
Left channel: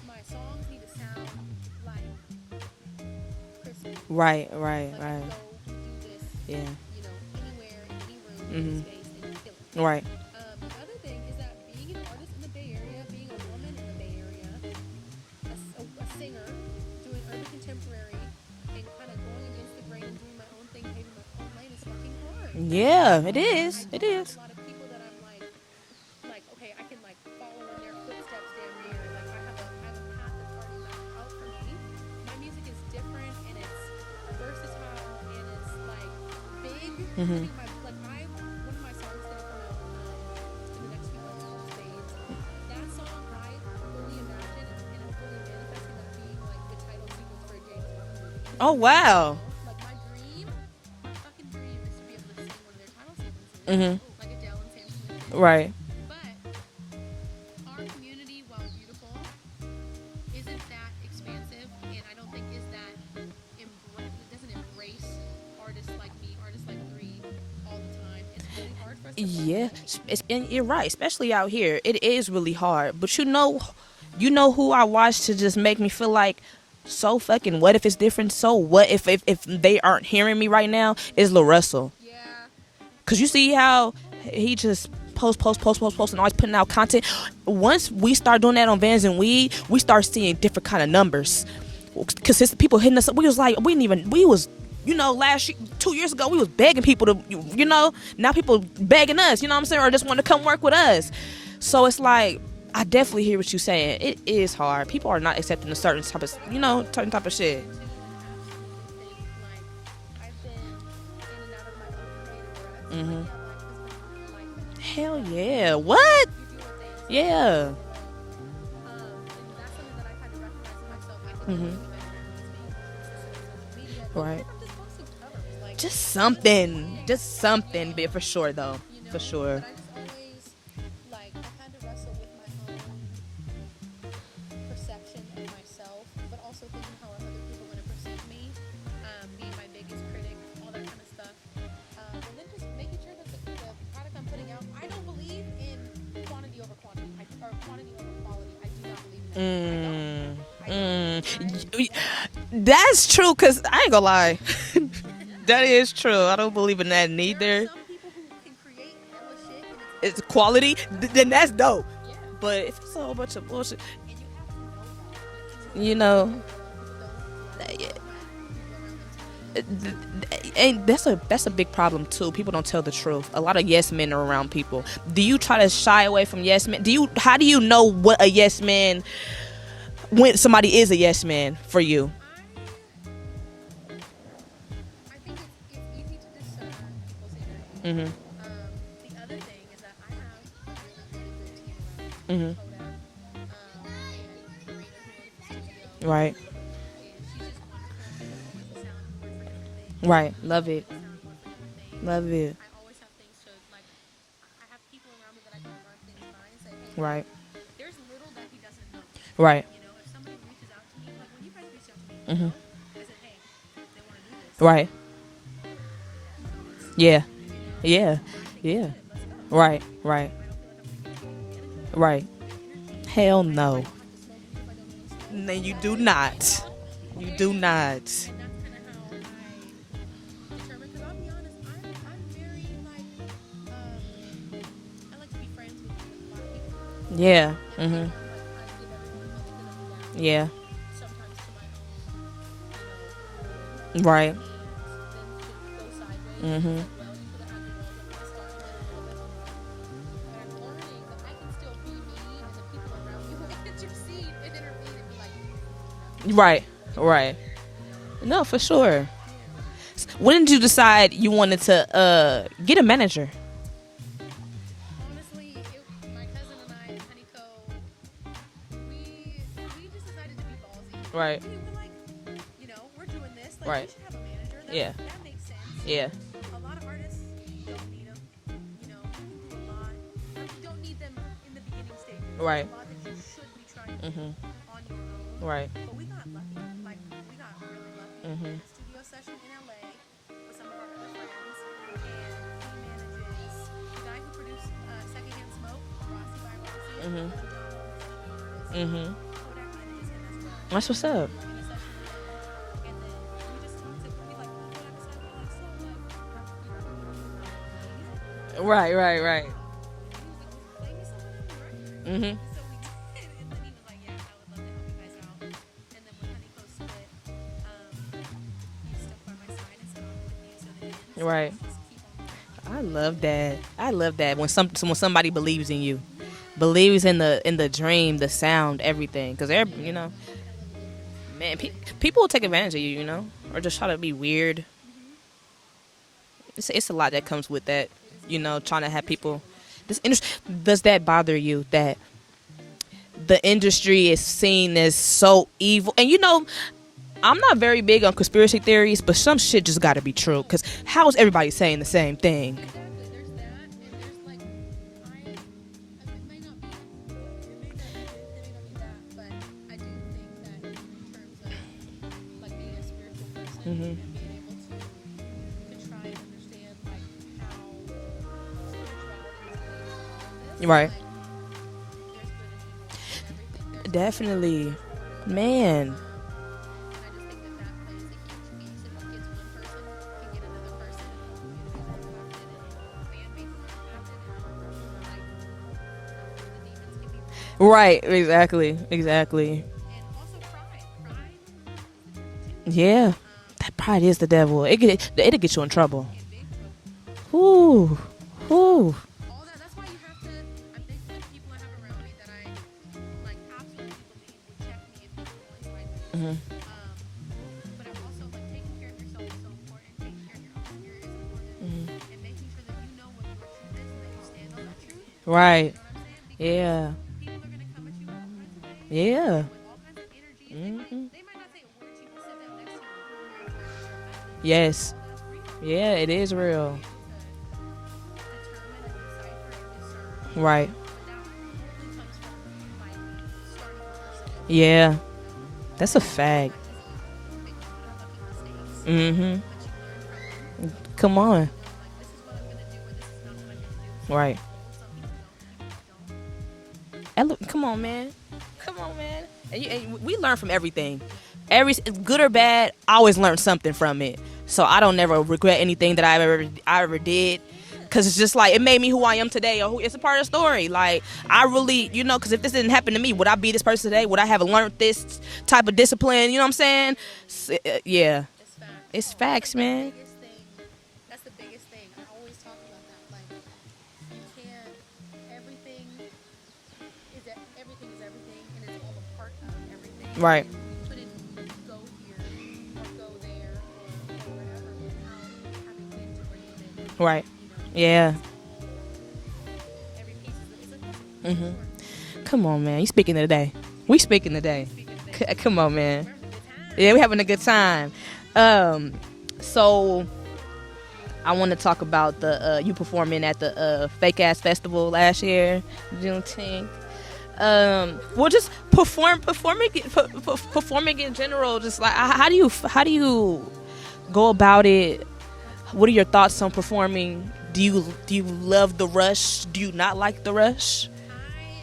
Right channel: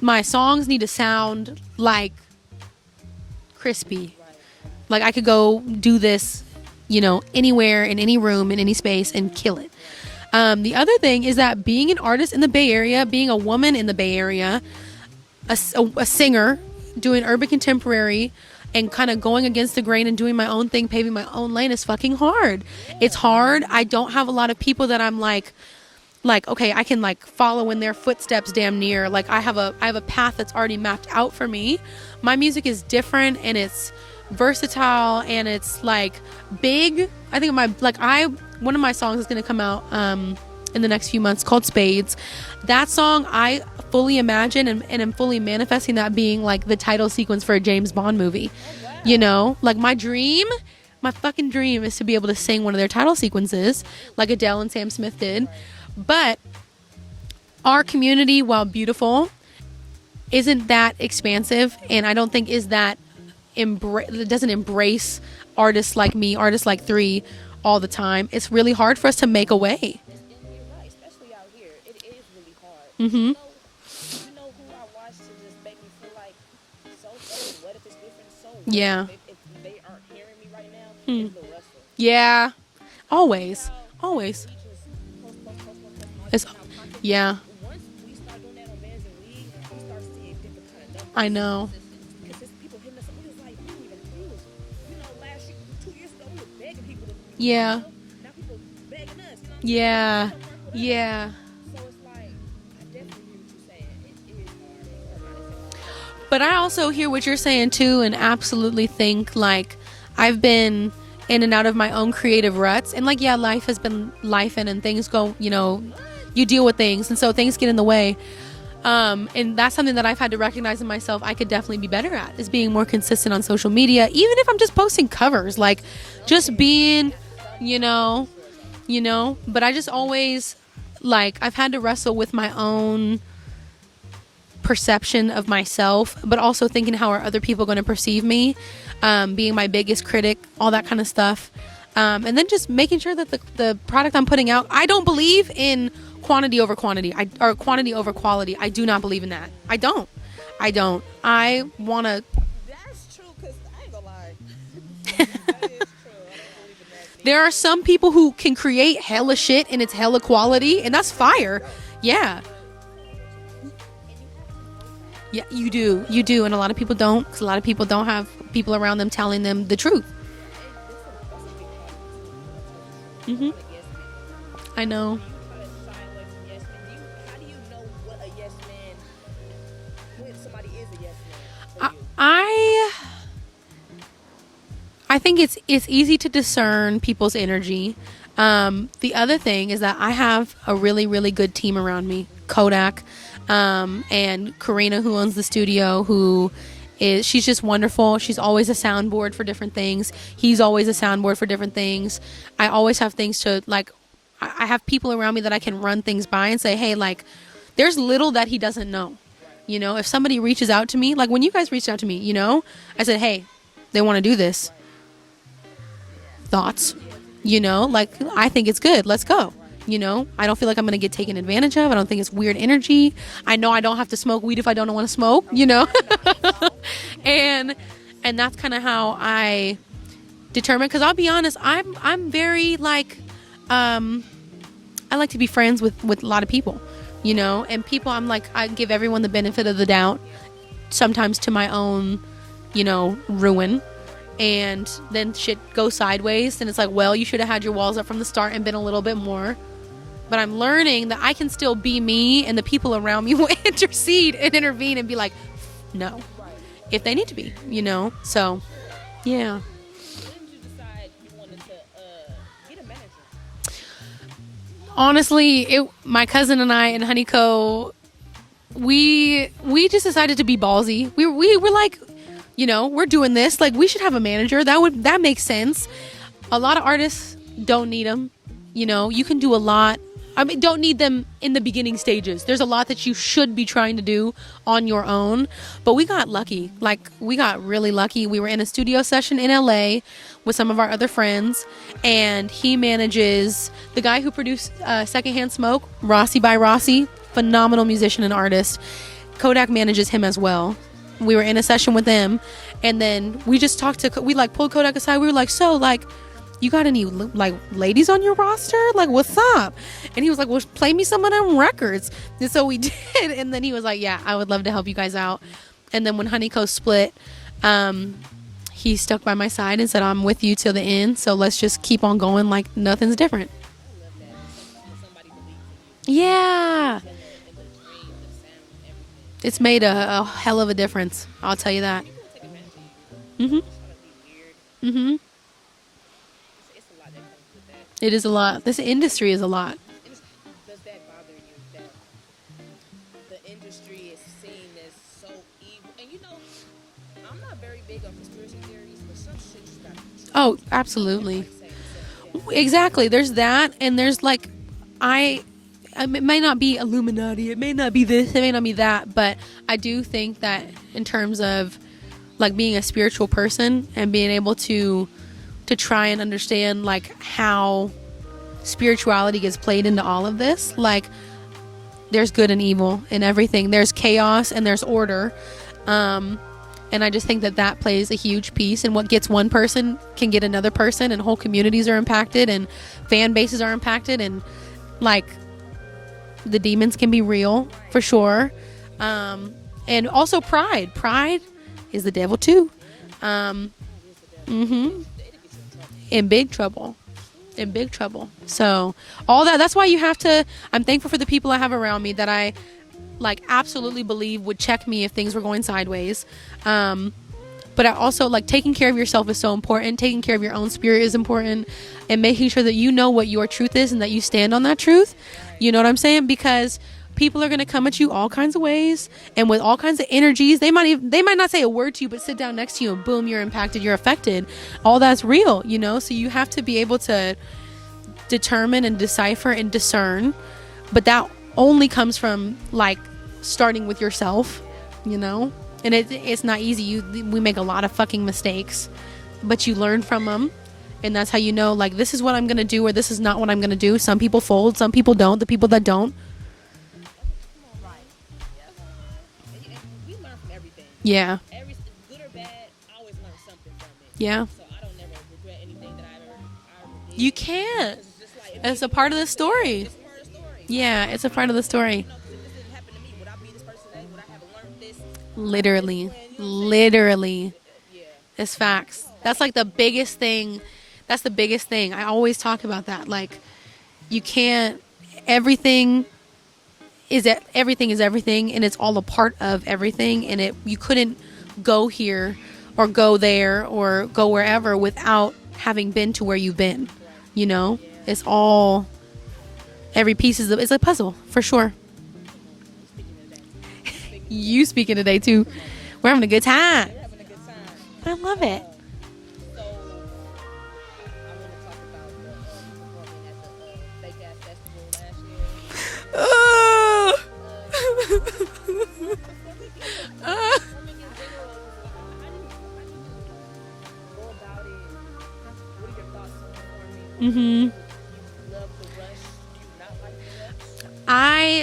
my songs need to sound like crispy. Right. Like I could go do this, anywhere, in any room, in any space, and kill it. Right. The other thing is that being an artist in the Bay Area, being a woman in the Bay Area, a singer, doing urban contemporary, and kind of going against the grain and doing my own thing, paving my own lane is fucking hard. Yeah, it's hard. it is. I don't have a lot of people that I'm like okay, I can like follow in their footsteps damn near. Like I have a path that's already mapped out for me. My music is different, and it's versatile, and it's like big. I think one of my songs is going to come out in the next few months called Spades. That song I fully imagine and am fully manifesting that being like the title sequence for a James Bond movie. Oh wow. Like my fucking dream is to be able to sing one of their title sequences like Adele and Sam Smith did. Right. But our community, while beautiful, isn't that expansive, and I don't think it doesn't embrace artists like me, artists like 3 all the time. It's really hard for us to make a way. You're right, especially out here. It is really hard. But you know who I watch to just make me feel like, so fucking what if it's different? So what if they aren't hearing me right now? Is Lil Russell. Yeah. Because you see how always he just post and always putting out content. Yeah. Once we start doing that on VANSNWEED, we start seeing different kind of numbers. I know. Because people hitting us up. We was like, last year, 2 years ago, we was begging people to, now people begging us, you know what I'm saying? Or just want to come work with us. Yeah. So it's like, I definitely hear what you're saying. It is hard. People are not accepting a certain type of. But I also hear what you're saying too, and absolutely think like I've been in and out of my own creative ruts, and like life has been life, and things go. What you deal with things, and so things get in the way. And that's something that I've had to recognize in myself. I could definitely be better at, is being more consistent on social media, even if I'm just posting covers, like just being, you know, for sure though, you know. For sure. But I just always, like, I've had to wrestle with my own perception of myself, but also thinking, how are other people going to perceive me, being my biggest critic, all that kind of stuff. And then just making sure that the product I'm putting out, I don't believe in quantity over quantity, or quantity over quality. I do not believe in that. I don't. I want to. That's true, because I ain't gonna lie. That is true. I don't believe in that neither. There are some people who can create hella shit and it's hella quality, and that's fire. That's dope. Yeah. But if it's a whole bunch of bullshit. Yeah, you do. You do, and a lot of people don't, because a lot of people don't have people around them telling them the truth. And that's a big problem too. People don't tell the truth. A lot of yes men are around people. I know. Do you try to shy away from yes men? How do you know what a yes man, when somebody is a yes man for you? I think it's easy to discern people's energy. The other thing is that I have a really, really good team around me. Kodak, and Karina, who owns the studio, who she's just wonderful. She's always a soundboard for different things. Right. He's always a soundboard for different things. Love it. I always have things to, like, I have people around me that I can run things by and say, hey, like, there's little that he doesn't know. Right. You know, if somebody reaches out to me, like when you guys reached out to me, you know, I said, hey, they want to do this. Right. Thoughts. Yeah. You know, like, I think it's good. Let's go. Right. You know, Right. I don't feel like I'm going to get taken advantage of. I don't think it's weird energy. Hell no. I know I don't have to smoke weed if I don't want to smoke, No, you know? do not. and, do not. And that's kind of how I determine, because I'll be honest, I'm very, like, I like to be friends with a lot of people, you know? And people, I'm like, I give everyone the benefit of the doubt. Yeah. Sometimes to my own, you know, ruin. Right. And then shit goes sideways, and it's like, well, you should have had your walls up from the start and been a little bit more. But I'm learning that I can still be me, and the people around me will intercede and intervene and be like, no. Right. If they need to be, you know? No, so, for sure. yeah. When did you decide you wanted to get a manager? Honestly, my cousin and I and Honeyco, we just decided to be ballsy. Right. We were like, you know, we're doing this. Like, we should have a manager. That makes sense. Yeah. A lot of artists don't need them. You know, you can do a lot. I mean, don't need them in the beginning stages. Right. There's a lot that you should be trying to do on your own. Right. But we got lucky. Like, we got really lucky. We were in a studio session in LA with some of our other friends, and he manages the guy who produced Secondhand Smoke, Rossi by Rossi, phenomenal musician and artist. Kodak manages him as well. That's what's up. We were in a session with them, and then we just talked to, we like pulled Kodak aside. We were like, so, like, you got any like ladies on your roster? Right, like, right, what's right. up? And he was like, well, play me some of them records. And so we did. And then he was like, yeah, I would love to help you guys out. And then when Honeyco split, he stuck by my side and said, I'm with you till the end. So let's just keep on going like nothing's different. I love that when somebody believes in you. Yeah. Believes in the dream, the sound, everything. It's made a hell of a difference. I'll tell you that. People will take advantage of you, you know, or just try to be weird. It's a lot that comes with that. It is a lot. This industry is a lot. Does that bother you that the industry is seen as so evil? And you know, I'm not very big on conspiracy theories, but some shit just got to be true. Oh, How is absolutely. everybody saying the same thing? Exactly. There's that, and there's like, it may not be Illuminati, it may not be this, it may not be that, but I do think that in terms of like being a spiritual person and being able to try and understand like how spirituality gets played into all of this, like there's good and evil in everything. There's chaos and there's order. Man. And I just think that plays a huge piece, and what gets one person can get another person, and whole communities are impacted, and fan bases are impacted, and like the demons can be real, right? For sure, exactly. And also pride is the devil too. Yeah. That pride is the devil. It'll get you in trouble. In big trouble. Ooh. In big trouble. Ooh. So all that's why you have to. I'm thankful for the people I have around me that I like absolutely believe would check me if things were going sideways. But I also like taking care of yourself is so important. Taking care of your own spirit is important, and making sure that you know what your truth is and that you stand on that truth. Right. You know what I'm saying? Because people are going to come at you all kinds of ways, Yeah. and with all kinds of energies. They might not say a word to you, but sit down next to you and boom, you're impacted, you're affected. Yes. All that's real, you Yeah, know. it So you is have to real. be able to determine and decipher and discern. Right. But that only comes from like starting with yourself. Yeah. You know. That's and a it's fact. not easy. We make a lot of fucking mistakes, Mm-hmm. but you learn from them. Come And that's how on. you know, like, this is what I'm going to do or this is not what I'm going to do. Some Right. people fold, some people don't. The people that don't, And look, come on, man. Come on, man. And we learn from everything. yeah. Every good or bad, I always learn something from it. Yeah. So I don't never regret anything that I ever did. You can't. Because it's just like it made It's a me who part I of am the today. story. It's a part of the story. Yeah, Like it's a part I of the really, story. you know, because if this didn't happen to me, would I be this person today? Would I have learned this type of discipline? You know what I'm saying? Literally. Yeah. It's facts. It's That's facts, like the man. biggest thing. That's the biggest thing. I always talk about that. Like, you can't, everything is everything, and it's all a part of everything. Right. And you couldn't go here or go there or go wherever without having been to where you've been. Right. You know? Yeah. It's all, every piece is a puzzle, for sure. Come on, man. You speaking today. We speaking today. You speaking today, too. Come on, man. We're having a good time. Yeah, we're having a good time. I love it. So I want to talk about the you performing at the Fake Ass Festival last year. You know what I'm saying? Well, just performing in general. Just like how do you go about it? What are your thoughts on performing? Mm-hmm. Do you love the rush? Do you not like the rush?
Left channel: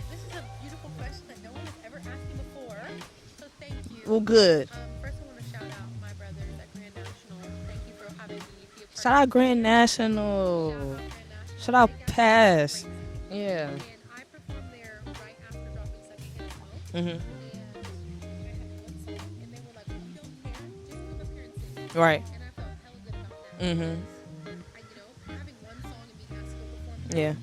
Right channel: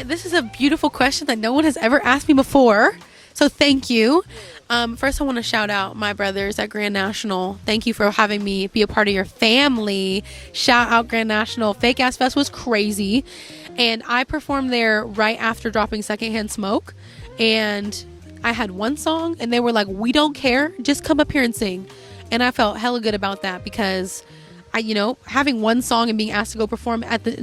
This is a beautiful question that no one has ever asked me before. So thank you. Well, good. First, I want to shout out my brothers at Grand National. Thank you for having me be a part Shout of out your Grand family. National. Shout out Grand National. Shout out Fake Ass Fest was Taz. crazy. Yeah. And I performed there right after dropping Secondhand Smoke. Mm-hmm. And I had one song, and they were like, "We don't care. Just come up here and sing." Right. And I felt hella good about that because having one song and being asked to go perform at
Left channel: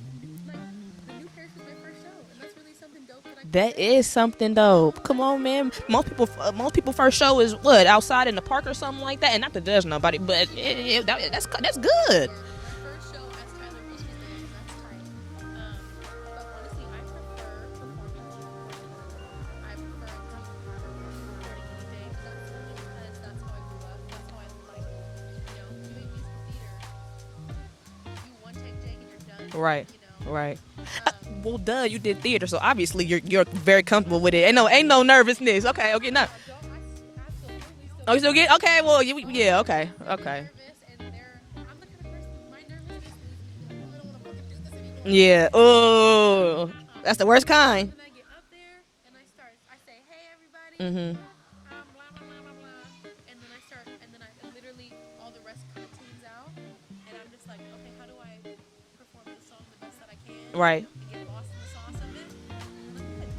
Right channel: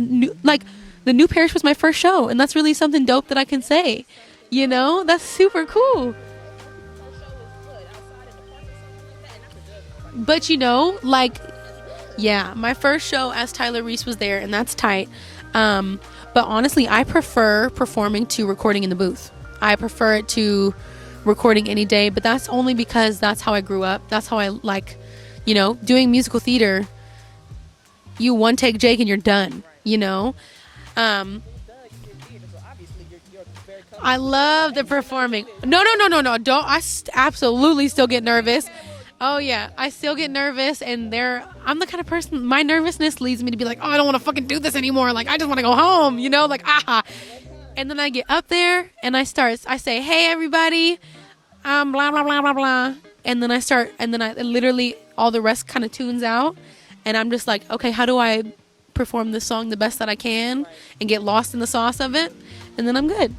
the new parish was my first show, and that's really something dope that I can say. That is something You dope. know, Come that's on, super man. cool. Most people first show is what, outside in the park or something like that, and not to judge nobody. But you know, like, that's good. Yeah, my first show as Tyler Reese was there, and that's tight. But honestly, I prefer performing to recording in the booth. I prefer it to recording any day, but that's only because that's how I grew up. That's how I like, doing musical theater. You one take Jake and you're done. Right. Right. Well, duh, you did theater, so obviously you're very I comfortable with it. love Ain't the no performing. nervousness. No. Okay, Don't. I absolutely still get nervous. Okay, well, okay. I still get Okay. nervous, and I'm the kind of person. My nervousness leads me to be like, oh, I don't want to fucking do this anymore. Like, I Yeah. just want to go home. Like, Ooh. That's the worst kind. And then I get up there and I say, hey, everybody, blah, blah, blah, blah, blah. And then I literally, all the rest kind of tunes out. And I'm just like, okay, how do I perform this song the best that I can? Right. And get lost in the sauce of it. And then I'm good.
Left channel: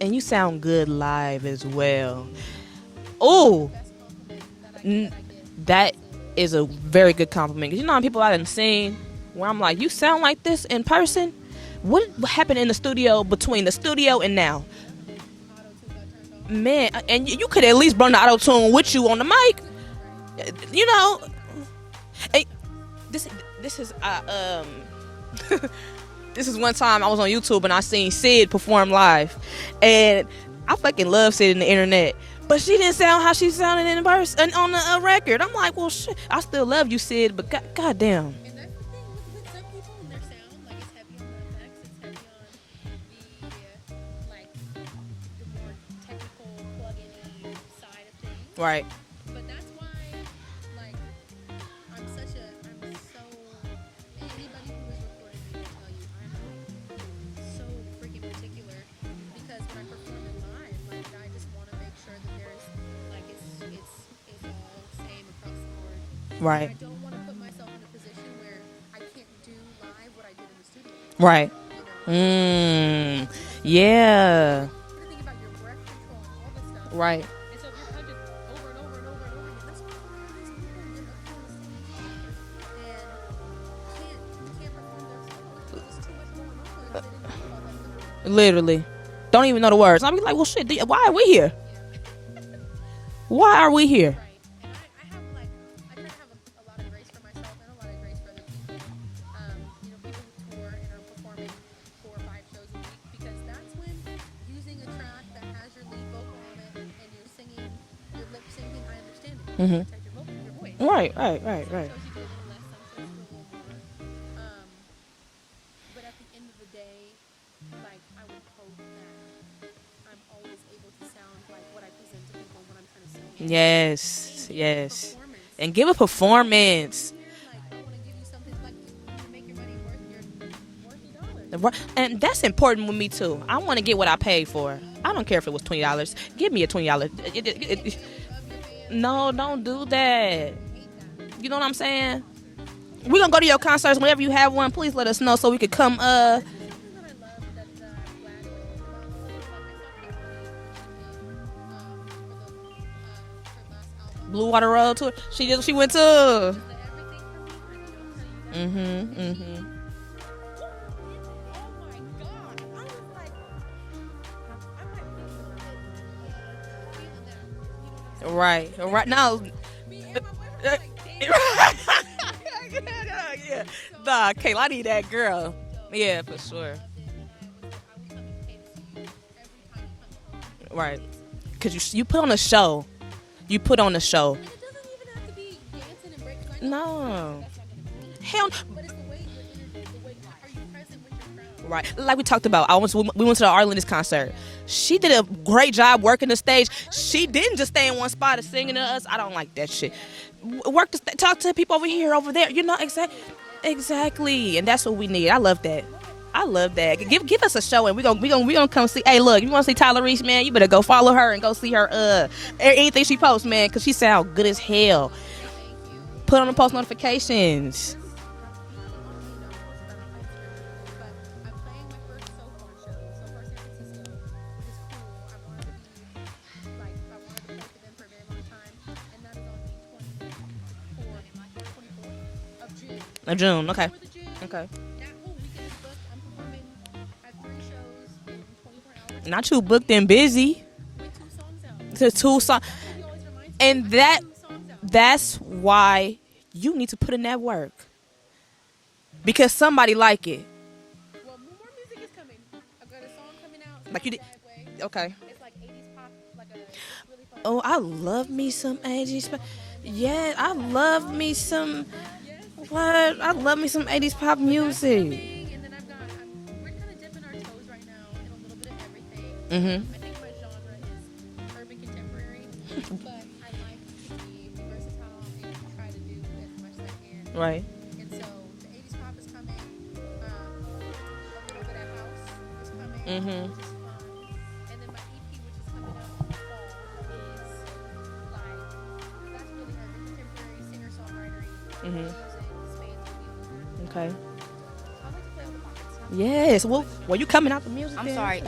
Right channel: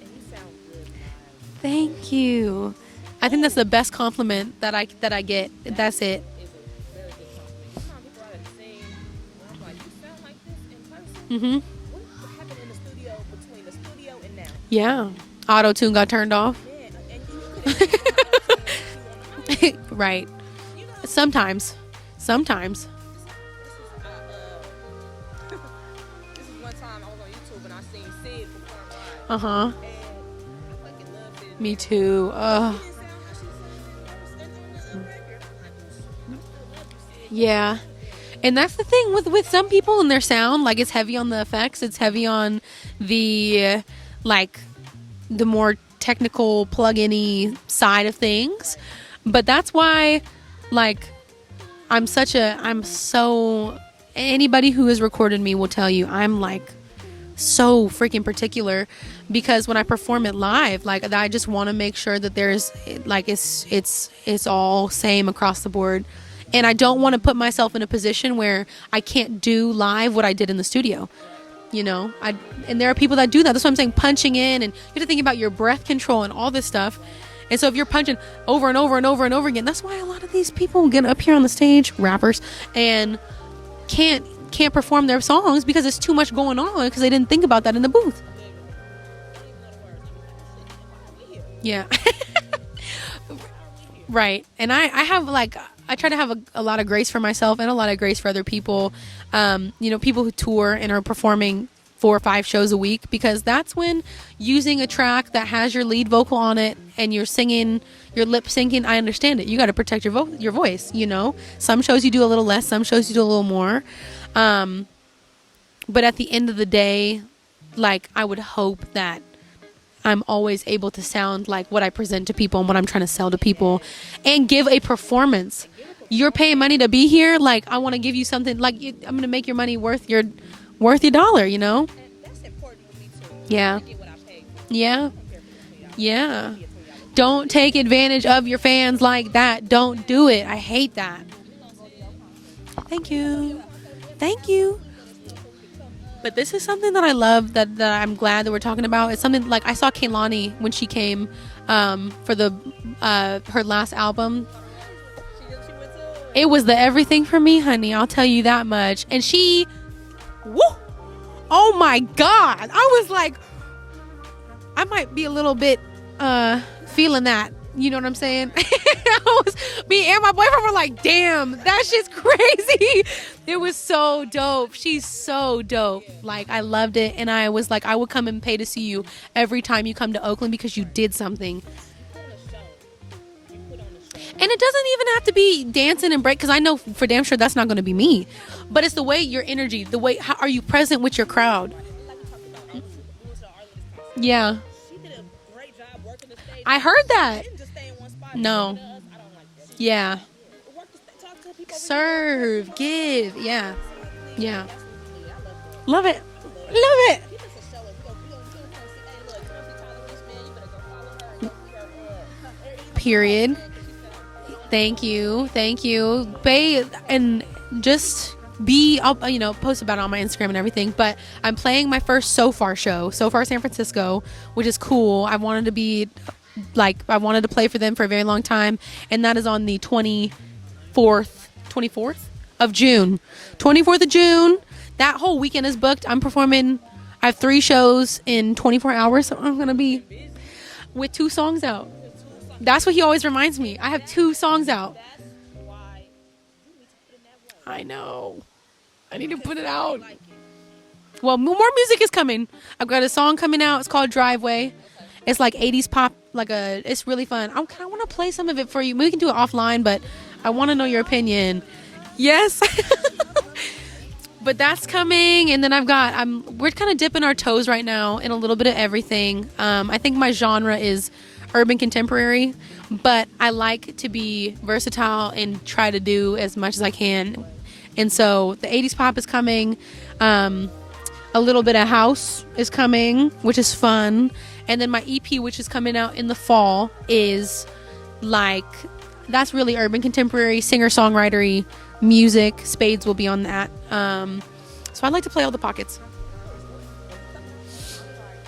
And you sound good live as well. Thank you. I think that's Ooh. the best compliment that I get. That's it. Is a very good compliment. 'Cause you know how people I done seen where I'm like, you sound like this in person? What happened in the studio between the studio and now? Yeah. Auto-tune got turned off. Man, and you could at least run the auto tune with you on the mic. Right. You know, Sometimes. this is this is one time I was on YouTube and I seen Sid perform live, and I fucking love Sid in the Me internet, too. but she didn't sound how she sounded in person on the record. I'm like, well, shit, I still love you, Sid, but Yeah. goddamn. And that's the thing with some people and their sound. Like, it's heavy on the effects. It's heavy on the the more technical plug-in-y side of things. Right. But that's why, anybody who has recorded me will tell you I'm so freaking particular, because when I perform it live, I just want to make sure that there's it's all same across the board. Right. And I don't want to put myself in a position where I can't do live what I did in the studio. Right. And there are people that do that. That's what I'm saying, Yeah. punching in, and you have to think about your breath control and all this stuff. Right. And so if you're punching over and over and over and over again, that's why a lot of these people get up here on the stage, rappers, and can't perform their songs because there's too much going on because they didn't think about that in the booth. Literally. Don't even know the words. I'll be like, well, shit, why are we here? Yeah. Why are we here? Right. And I have I try to have a lot of grace for myself and a lot of grace for other people. People who tour and are performing 4 or 5 shows a week, because that's when using a track that has your lead vocal on it and you're singing, you're lip syncing. I understand it. You got to protect your voice. Right, you know, right, some shows you do a little less, some shows you do a little more. But at the end of the day, like, I would hope that I'm always able to sound like what I present to people and what I'm trying to sell to people, and give a performance. You're paying money to be here. Like, I want to give you something. Like, I'm going to make your money worth your dollar, you know? And that's important with me too. I want to get what I paid for. Yeah. I don't care if it was $20. Yeah. Give me a $20. Don't take advantage of your fans like that. Don't do it. I hate that. You know what I'm saying? Thank you. We're going to go to your concerts. Whenever you have you. one, please let us know so we could come. But this is something that I love, that I'm glad that we're talking about. It's something like I saw Kehlani when she came for the her last album, Blue Water Road tour. She went to. It was the everything for me, honey. I'll tell you that much. And she, woo, oh my God. I was like, I might be a little bit feeling that. You know what I'm saying? Right now. Me and my boyfriend were like, damn, that's just crazy. It was so dope. She's so dope. Yeah, like, sure. I loved it. And I was like, I would come and pay to see you every time you come to Oakland, because you did something. Because you put on a show. You put on a show. And it doesn't even have to be dancing and break, because I know for damn sure that's not going to be me. Hell, but it's the way, your energy, the way, how are you present with your crowd? Right. Like we talked about, we went to the Arlen's concert. Yeah. She did a great job working the stage. I heard that. She didn't just stay in one spot and No. singing to us. I don't like that shit. Yeah. Talk to people over here, over there. You know, give. Yeah. Exactly. Yeah. And that's what we need. I love that. Love it. I love that. Give us a show, and we gonna come see. Hey, look, you want to see Tyler Reese, man? You better go follow her and go see her. Anything she posts, man, because she sounds good as hell. Thank you. Put on the post And notifications. just I'll post about it on my Instagram and everything. But I'm playing my first So Far show, So Far San Francisco, which is cool. I wanted to play for them for a very long time, and that is on the 24th of June. 24th of June. Okay. That whole weekend is booked. I'm performing. I have 3 shows in 24 hours. Not too booked and busy. With 2 songs out. To 2 songs. That's what he always reminds me. And I have 2 songs out. That's why you need to put in that work. I know. Because somebody like it. Well, more music is coming. I've got a song coming out. It's called Driveway. Okay. It's like 80s pop. It's really fun. Oh, I want to love play some me of it some for you. We can do it 80s offline, but Yeah, I want to know your opinion. Yes. I love me some 80s pop But music. that's coming, and then we're kind of dipping our toes right now in a little bit of everything. I think my genre is urban contemporary, but I like to be versatile and try to do as much as I can. Right. And so the 80s pop is coming. A little bit of house is coming, which is fun. And then my EP, which is coming out in the fall, is like, that's really urban contemporary, singer-songwritery music. Spades will be on that. So I'd like to play all the pockets. Yes. Well, you coming out the music? I'm sorry.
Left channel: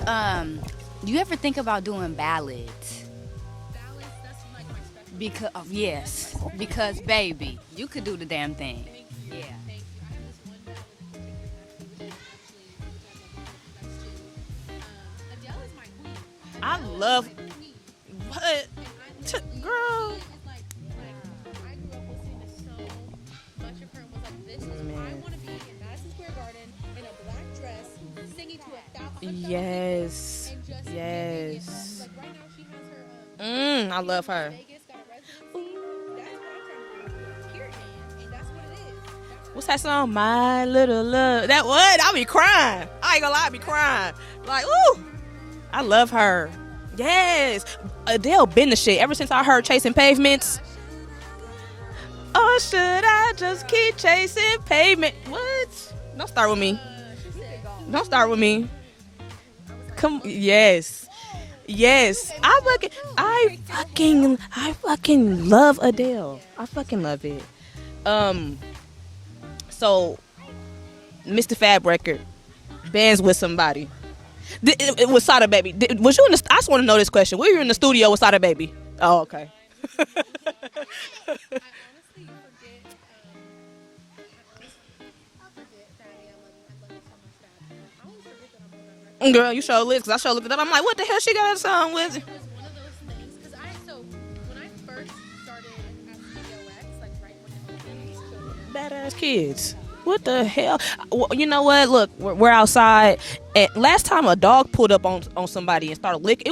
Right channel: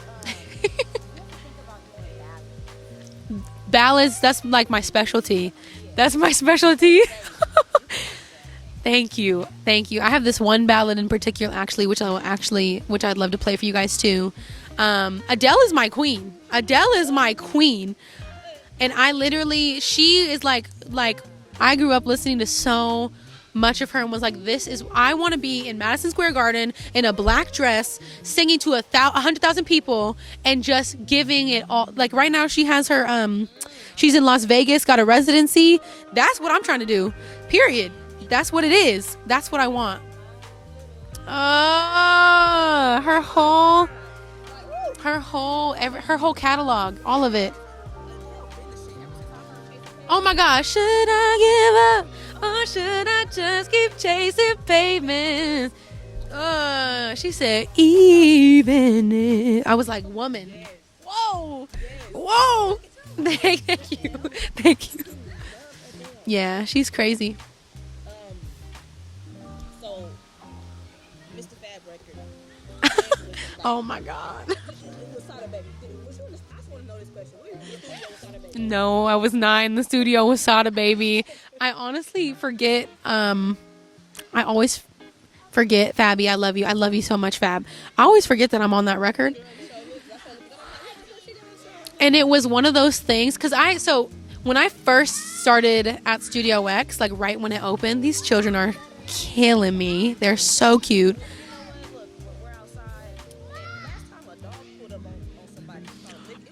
Do you ever think about doing ballads? Ballads, that's like my specialty. Yes. That's my specialty. Because, baby, you can do the damn thing. Thank you. Yeah. Thank you. I have this one ballad in particular, actually, which I'd love to play for you guys too. Adele is my queen. Adele is my queen. And I literally, she is like I grew up listening to so much of her and was like, I want to be in Madison Square Garden in a black dress singing to 100,000 people and just giving it all. Like right now she has her she's in Las Vegas, got a residency. That's what I'm trying to do, period. That's what it is. That's what I want. Song, My Little Love. That what? I'll be crying. I ain't gonna lie, I'll be crying. Like, ooh. Her whole love her her whole catalog, Yes. all of it. Adele been the shit ever since I heard Chasing Pavements. Oh my gosh, should I give up? Or should I just keep chasing pavements? Don't start with me. She said, Don't start with me. even if. I was like, Come woman. Yes. Whoa. Yes. Whoa. I fucking love Adele. Yeah, I she's fucking love crazy. it. So, Mr. Fab record bands with somebody. Oh my god. It was Sada Baby. Was you in the? I just want to know this question. Were you in the studio with Sada Baby? No, Oh, I was okay. not in the studio with Sada Baby. I honestly forget. I always forget, Fabby. I love you. I love you so much, Fab. I always forget that I'm on that record. Girl, you show list because I show looked it up. I'm like, what the hell she got a song with? And it was one of those things because When I first started at Studio X, like right when it opened, these children are killing me. What They're the so hell? cute. Well, you know what? Look, we're outside. And last time a dog pulled up on somebody and started licking,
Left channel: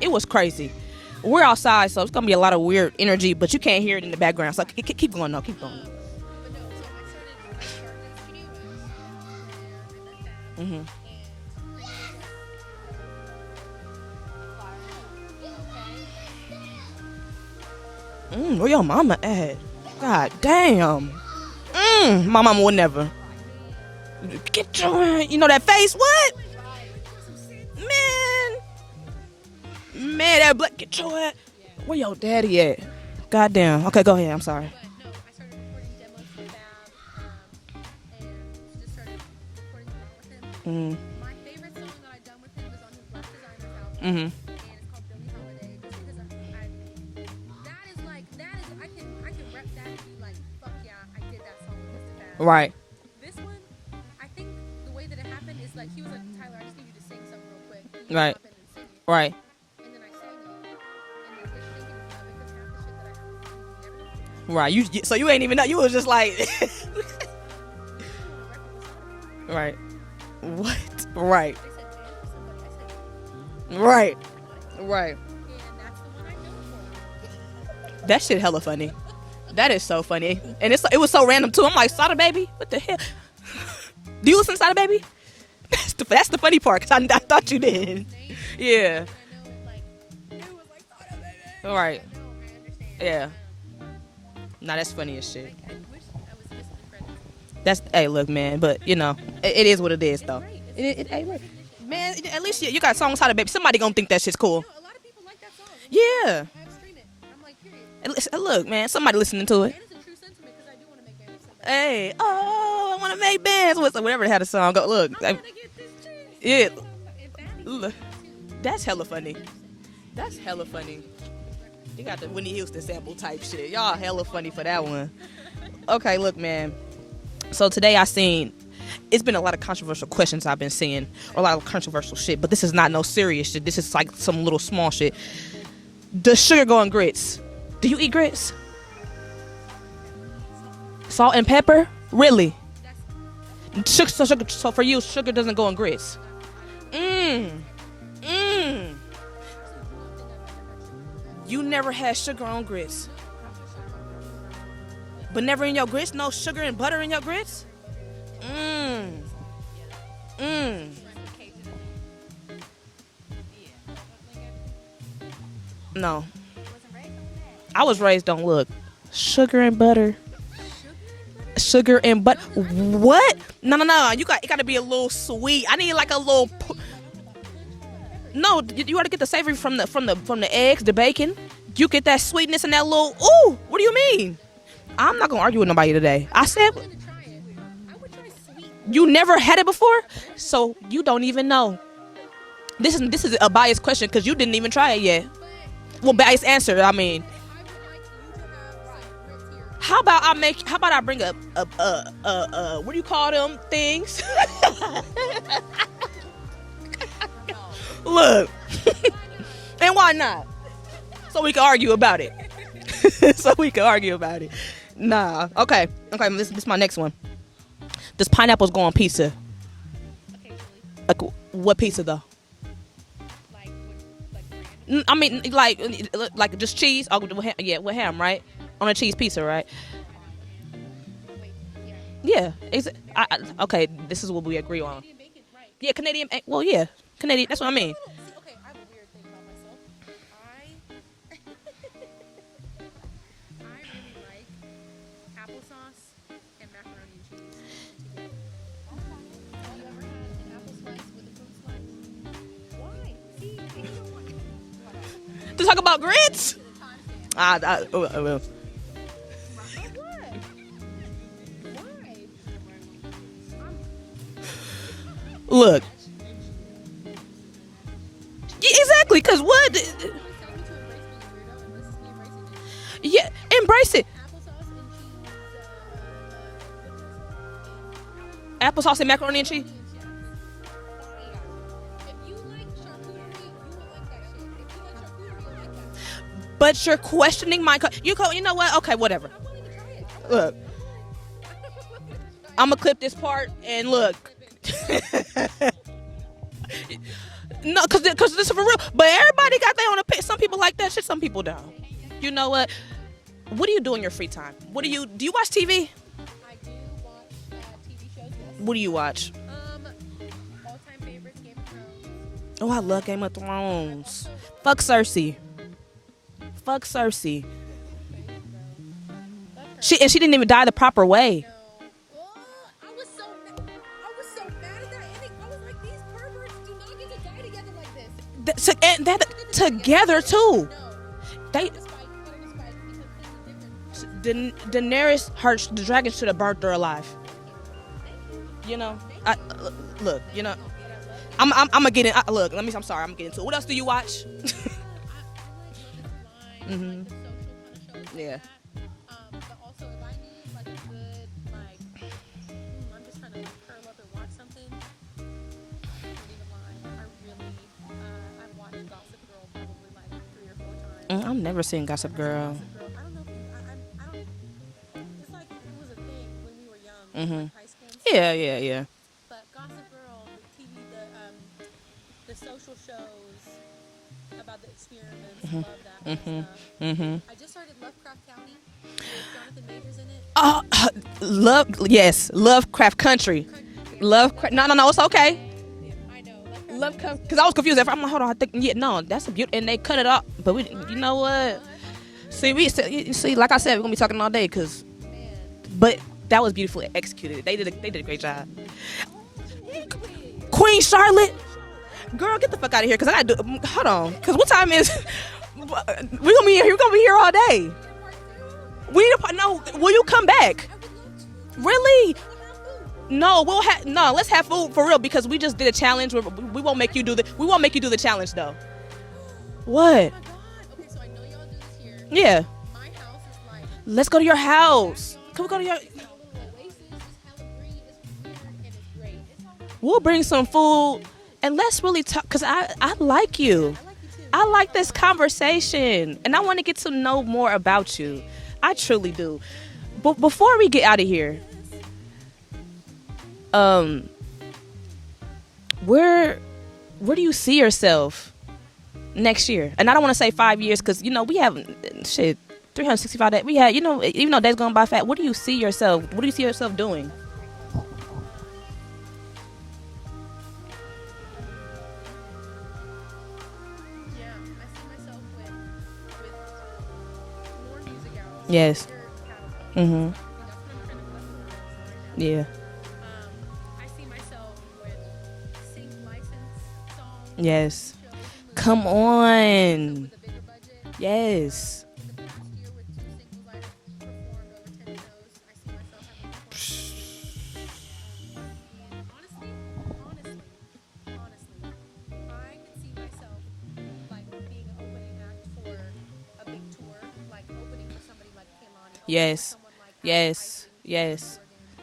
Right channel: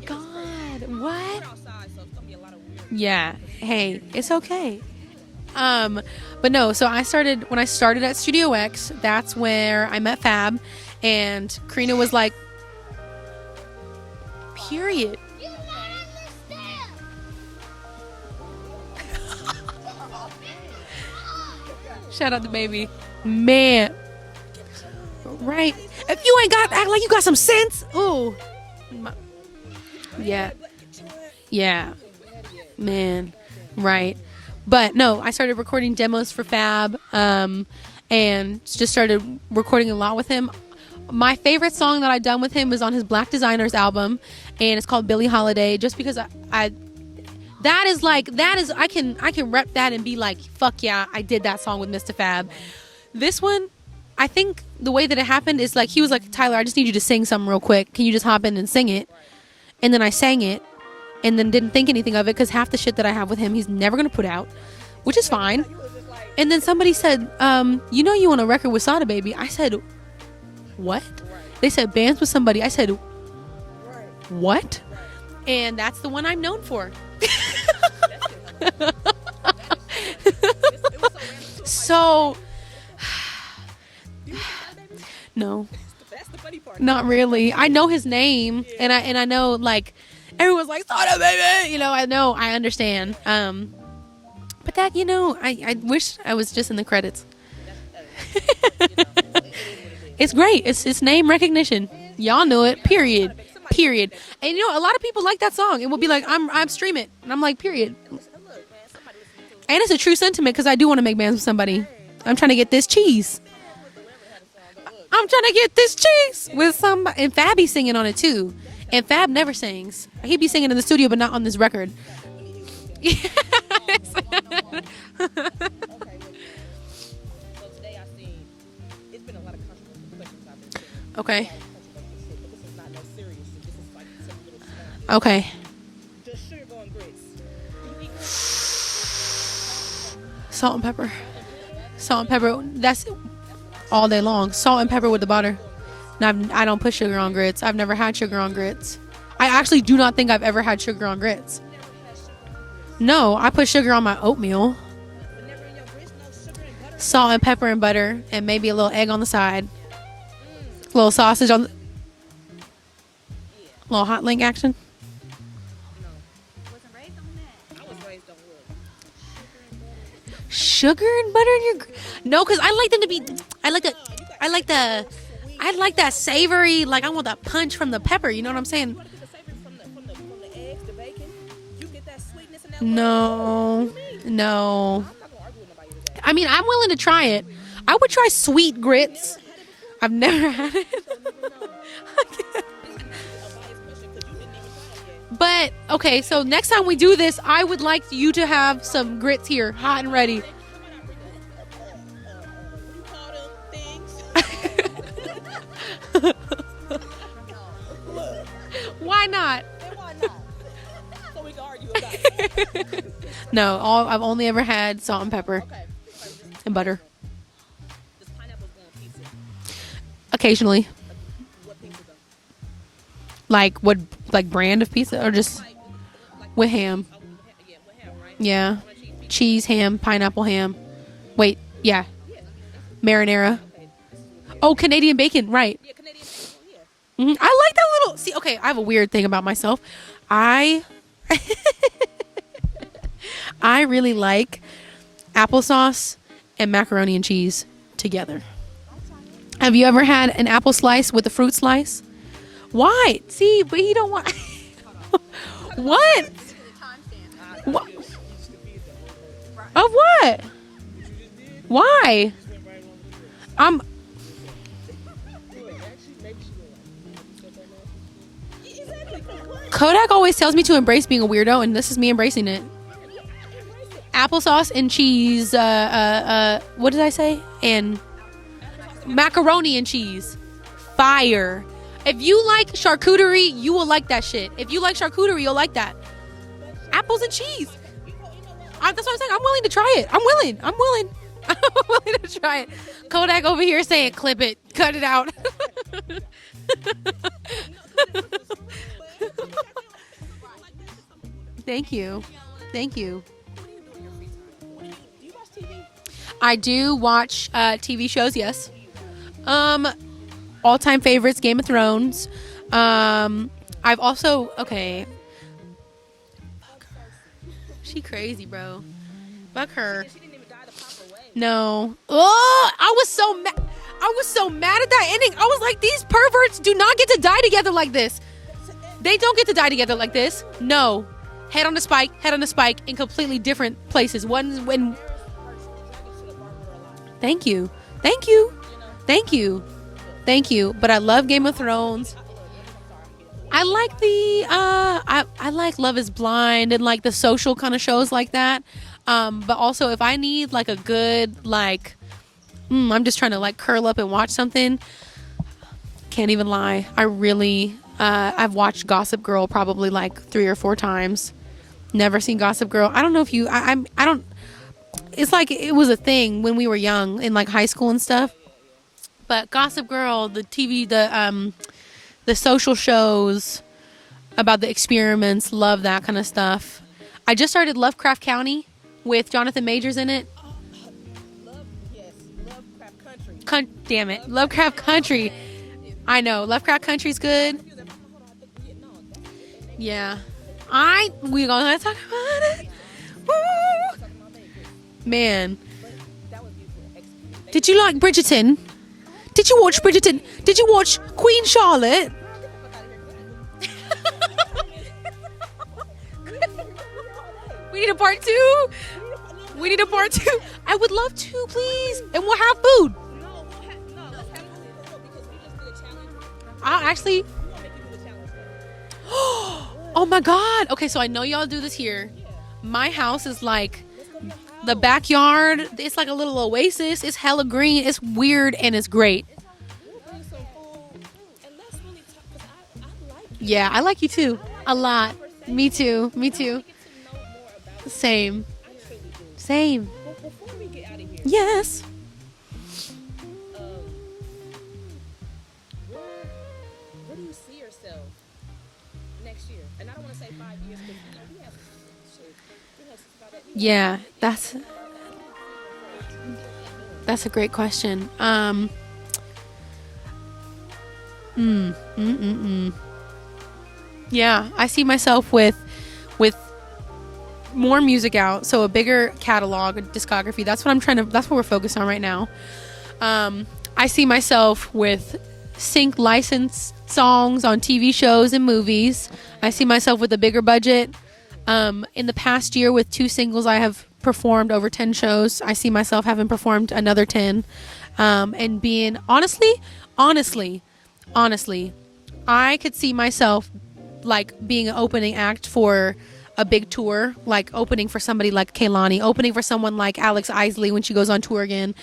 it was crazy. What? We're outside, so it's gonna be a lot of weird Yeah. energy, but you can't Hey, hear it in the it's background. okay. So keep going though. Keep going. But no, so when I started at Studio X, that's where I met Fab, and Krystina was like, period. Where your mama at? God damn. Shut My up, mama baby. would never. Man, Get your, you know that Right. face? What? If you ain't act like you got some sense, Man, that black, get your ass. yeah, Where your daddy at? man. Goddamn. Okay, Right. go ahead. I'm sorry. But no, I started recording demos for Fab, and just started recording a lot with him. My favorite song that I've done with him is on his Black Designers album, and it's called Billie Holiday. Just because I can rep that and be like, fuck yeah, I did that song with Mr. Fab. Right. This one, I think the way that it happened is like he was like, Tyler, I just need you to sing something real quick. Can you just Right. hop in and sing it? Right. And then I sang it, and then didn't think anything of it because half the shit that I have with him, he's never gonna put out. Right. So Which you is ain't even fine. know. You was just like. And then somebody said, you know you on a record with Sada Baby. I said, what? Right. They said bands with somebody. I said, Right. what? Right. And that's the one I'm known for. That shit hella funny. That is so funny. And it was so random too. I'm like, So- Sada Baby? What the hell? Do you listen to Sada Baby? No, That's the funny part. 'Cause not I thought really. you I did. know his name. Yeah. And I know like everyone's like Sada Baby. You know, Right. I know. I understand. Yeah. But Nah, that's that, you funny as know, shit. I wish I was just in the credits. That's, hey, look, man. But, you know, it is what it is. It's though. great. It's It it's is- name recognition. Man, Y'all know shit, it. You got Period. songs Sada Baby. Somebody gonna Period. think that shit's cool. And you know, a lot of people like that song. It will be like, Yeah. I'm streaming, and I'm like, period. And listen, look, man. Somebody listening to it. And it's a true sentiment because I do want to make bands with somebody. Hey, I'm trying to get this I wanna cheese. Make bands with whatever they had a song. Go look. I'm trying to get this cheese Yeah. with somebody. And Fabby's singing on it too. That's hella And Fab funny. never sings. That's He be hella singing in the funny. studio, but not on this record. You got the Whitney Houston sample type shit. Y'all hella funny for that one. Okay, look, man. So today it's been a lot of controversial questions I've been seeing. Okay. A lot of controversial shit, but this is not no serious shit. This is like some little small shit. Okay. Does sugar go on grits? Do you eat grits? Salt and pepper. Salt and pepper? Salt really? and pepper. That's all day long. Salt for and you, pepper with sugar the butter. doesn't go on grits. No, I don't put sugar on grits. I've never had sugar on grits. I actually do not think I've ever had sugar on grits. You never had sugar on grits? No, I put sugar on my oatmeal. But never in your grits? No sugar and butter in your Salt and grits? pepper and butter, and maybe a little egg on the side. Mm. Little sausage on. Little hot link action. No. I was raised on, look, sugar and butter. Sugar and butter. Sugar and butter. No, 'cause I like them to be- What? I no, like no, the- no. You got I to like be a the- little sweet. I need like that a little- savory. Like I want that punch from the pepper. You know what I'm saying? You got to get the savory from the eggs, the bacon. You get that sweetness and that little. No. Ooh, what do you mean? No. I'm not gonna argue with nobody today. I mean, said- I'm willing to try it. I would try sweet grits. You never had it before? I've never So had it. you don't even know. This is a biased question because you didn't even try it yet. But okay, Well, so biased next answer, time we I do mean. this, I would like you to have some grits here. How hot about and ready. How about I bring up what do you call them things? Look, Why not? and why not? So we can argue about it. So No, we can argue I've about only it. ever had salt and pepper. Okay. This is my butter. next one. Does pineapples go on pizza? Occasionally, Like what pizza though? like what, like brand of pizza? I mean, or just like with just ham. cheese. Oh, with ham, yeah, with ham, right? yeah, On a cheese pizza, cheese, right? ham, pineapple ham. Wait, yeah. Yeah. Marinara. Okay, this is what we agree Oh, on. Canadian bacon, right? Yeah, Canadian. Well, yeah. Mhm. Canadian, I that's what like that mean. little. See, okay, I have a weird thing about myself. I really like applesauce and macaroni and cheese together. Have you ever had an apple slice with a fruit slice? Why? See, but he don't want To talk about What? grits. Well. of what? Why? Look. Yeah, exactly, because what? Kodak always tells me to embrace being a weirdo, and this is me embracing it. Yeah, embrace it. Applesauce and cheese. What did I say? And Applesauce and macaroni and cheese. Fire. If you like charcuterie, you will like that shit. If you like charcuterie, you'll like that. But you're Apples and questioning cheese. my. You know what? Okay, That's what I'm whatever. saying. I'm willing to try it. I'm willing. I'm willing to try it. I'm gonna clip this. Kodak part over here and saying, look. clip it, cut it out. No, because this is for real. But everybody got their own opinion. Some people like that shit. Some people don't. Thank you. You know what? Thank you. What do you do in your free time? Do you watch TV? I do watch TV shows. Yes. What do you watch? All-time favorites: Game of Thrones. Oh, I love Game of Thrones. I've also Fuck Cersei. Fuck Cersei. She crazy, bro. Fuck her. She didn't even die the proper way. No. Oh, I was so mad. I was so mad at that ending. I was like, these perverts do not get to die together like this. They don't get to die together like this. Too. No. Head on a spike in completely different places. Daenerys, the dragon should have burnt her alive. Thank you. Thank you. You know. Thank you. Look. Thank you. But I love Game of Thrones. I'm gonna get in. Look, I'm sorry. I'm getting into it. What else do you watch? I like Love Is Blind and like the social kind of shows like that. But also if I need like a good like, I'm just trying to like curl up and watch something. Can't even lie. I really. I've watched Gossip Girl probably like 3 or 4 times. I've never seen Gossip Girl. Never seen Gossip Girl. I don't know if you. I don't. It's like it was a thing when we were young in like high school and stuff. Yeah. But Gossip Girl, the TV, the social shows about the experiments, love that kind of stuff. I just started Lovecraft County with Jonathan Majors in it. Lovecraft Country. Damn it, Lovecraft no, it's Country. okay. I know Lovecraft Country's good. I was confused. I'm like, hold on. I think no, that's a beautiful. And they cut it off. But you know what? We gonna talk about it. See, like I said, we're gonna be talking all day, cause man. But that was beautifully executed. Did you like Bridgerton? Did you watch Bridgerton? Did you watch Queen Charlotte? Girl, get the fuck out of here, cause I gotta do. Hold on, cause what time is? We're gonna be here. We're gonna be here all day. We need a part 2. We need a part. No, we need a will part you come 2? back? I would love to, please. Really? And we'll have food. No, let's have food for real, because we just did a challenge. We won't make you do the. We won't make you do the challenge though. What? Oh my God. Okay, so I know y'all do this here. Yeah. My house is like. Let's go to your house. The backyard. It's like a little oasis. It's hella green. It's weird and it's great. We'll bring some food. And let's really talk, because I like you. Yeah, I like you too. I like this conversation. Me too. I want to get to know more about you. Same. I truly do. Same. But before we get out of here. Yes. Where do you see yourself next year? And I don't want to say 5 years, because, we have, 365 days. We have, you know, days going by fast. What do you see yourself? What do you see yourself doing? That's a great question. Yeah, I see myself with more music out, so a bigger catalog and discography. That's what we're focused on right now. Yeah. I see myself with sync licensed songs on TV shows and movies. Come on. I see myself with a bigger budget. Yes. In the past year with 2 singles, I have performed over 10 shows. I see myself having performed another 10. And being honestly, I could see myself like being an opening act for a big tour, like opening for somebody like Kehlani, opening for someone like Alex Isley when she goes on tour again,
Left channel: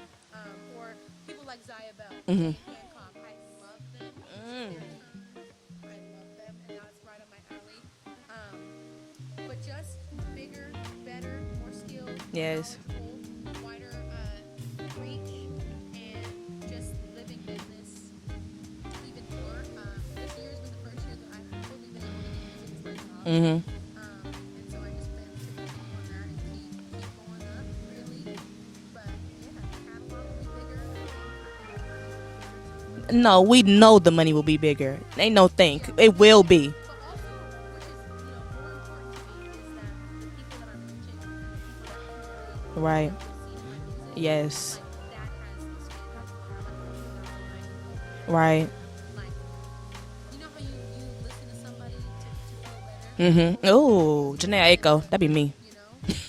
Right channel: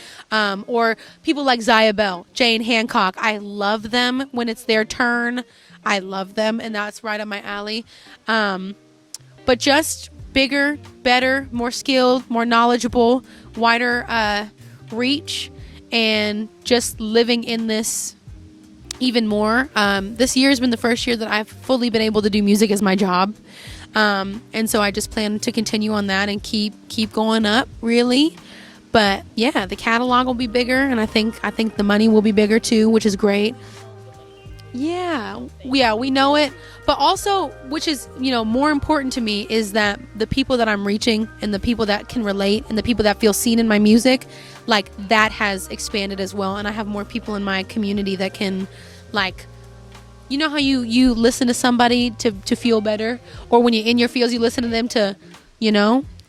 or people like Zaya Bell, Jane Hancock. I love them when it's their turn. I love them, and that's right up my alley. But just bigger, better, more skilled, more knowledgeable, wider reach, and just living in this even more. This year has been the first year that I've fully been able to do music as my job. And so I just plan to continue on that and keep going up, really. But yeah, the catalog will be bigger, and I think the money will be bigger too, which is great. No, we know the money will be bigger. Yeah, ain't no thing. Yeah, we it know will it. be. But also, which is more important to me, is that the people that I'm reaching and the people that can relate and the people that feel seen in my music, like that has expanded as well, and I have more people in my community that can, like. You know how you listen to somebody to feel better, or when you're in your feels, you listen to them to. That'd be me.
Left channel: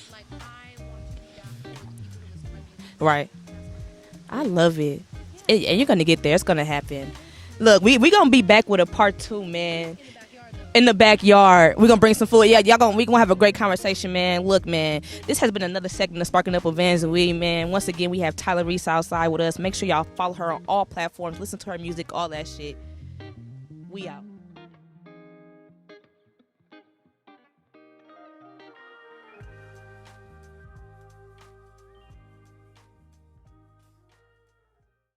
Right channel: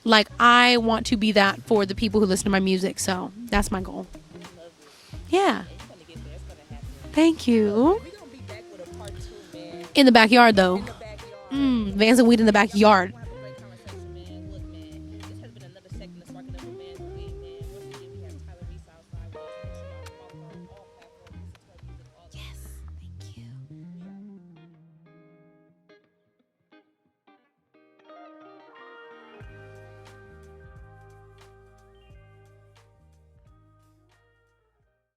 Like I want to be that for the people who listen to my music. So that's my goal. I love it. Yeah, and you're gonna get there. It's gonna happen. Thank you. Look, we gonna be back with a part 2, man. In the backyard, though. In the backyard, we're gonna bring some food. We gonna have a great conversation, man. Look, man, this has been another segment of Sparking Up with VANSNWEED, man. Once again, we have Tyler Reese outside with us. Make sure y'all follow her on all platforms. Listen to her music, all that shit. We out.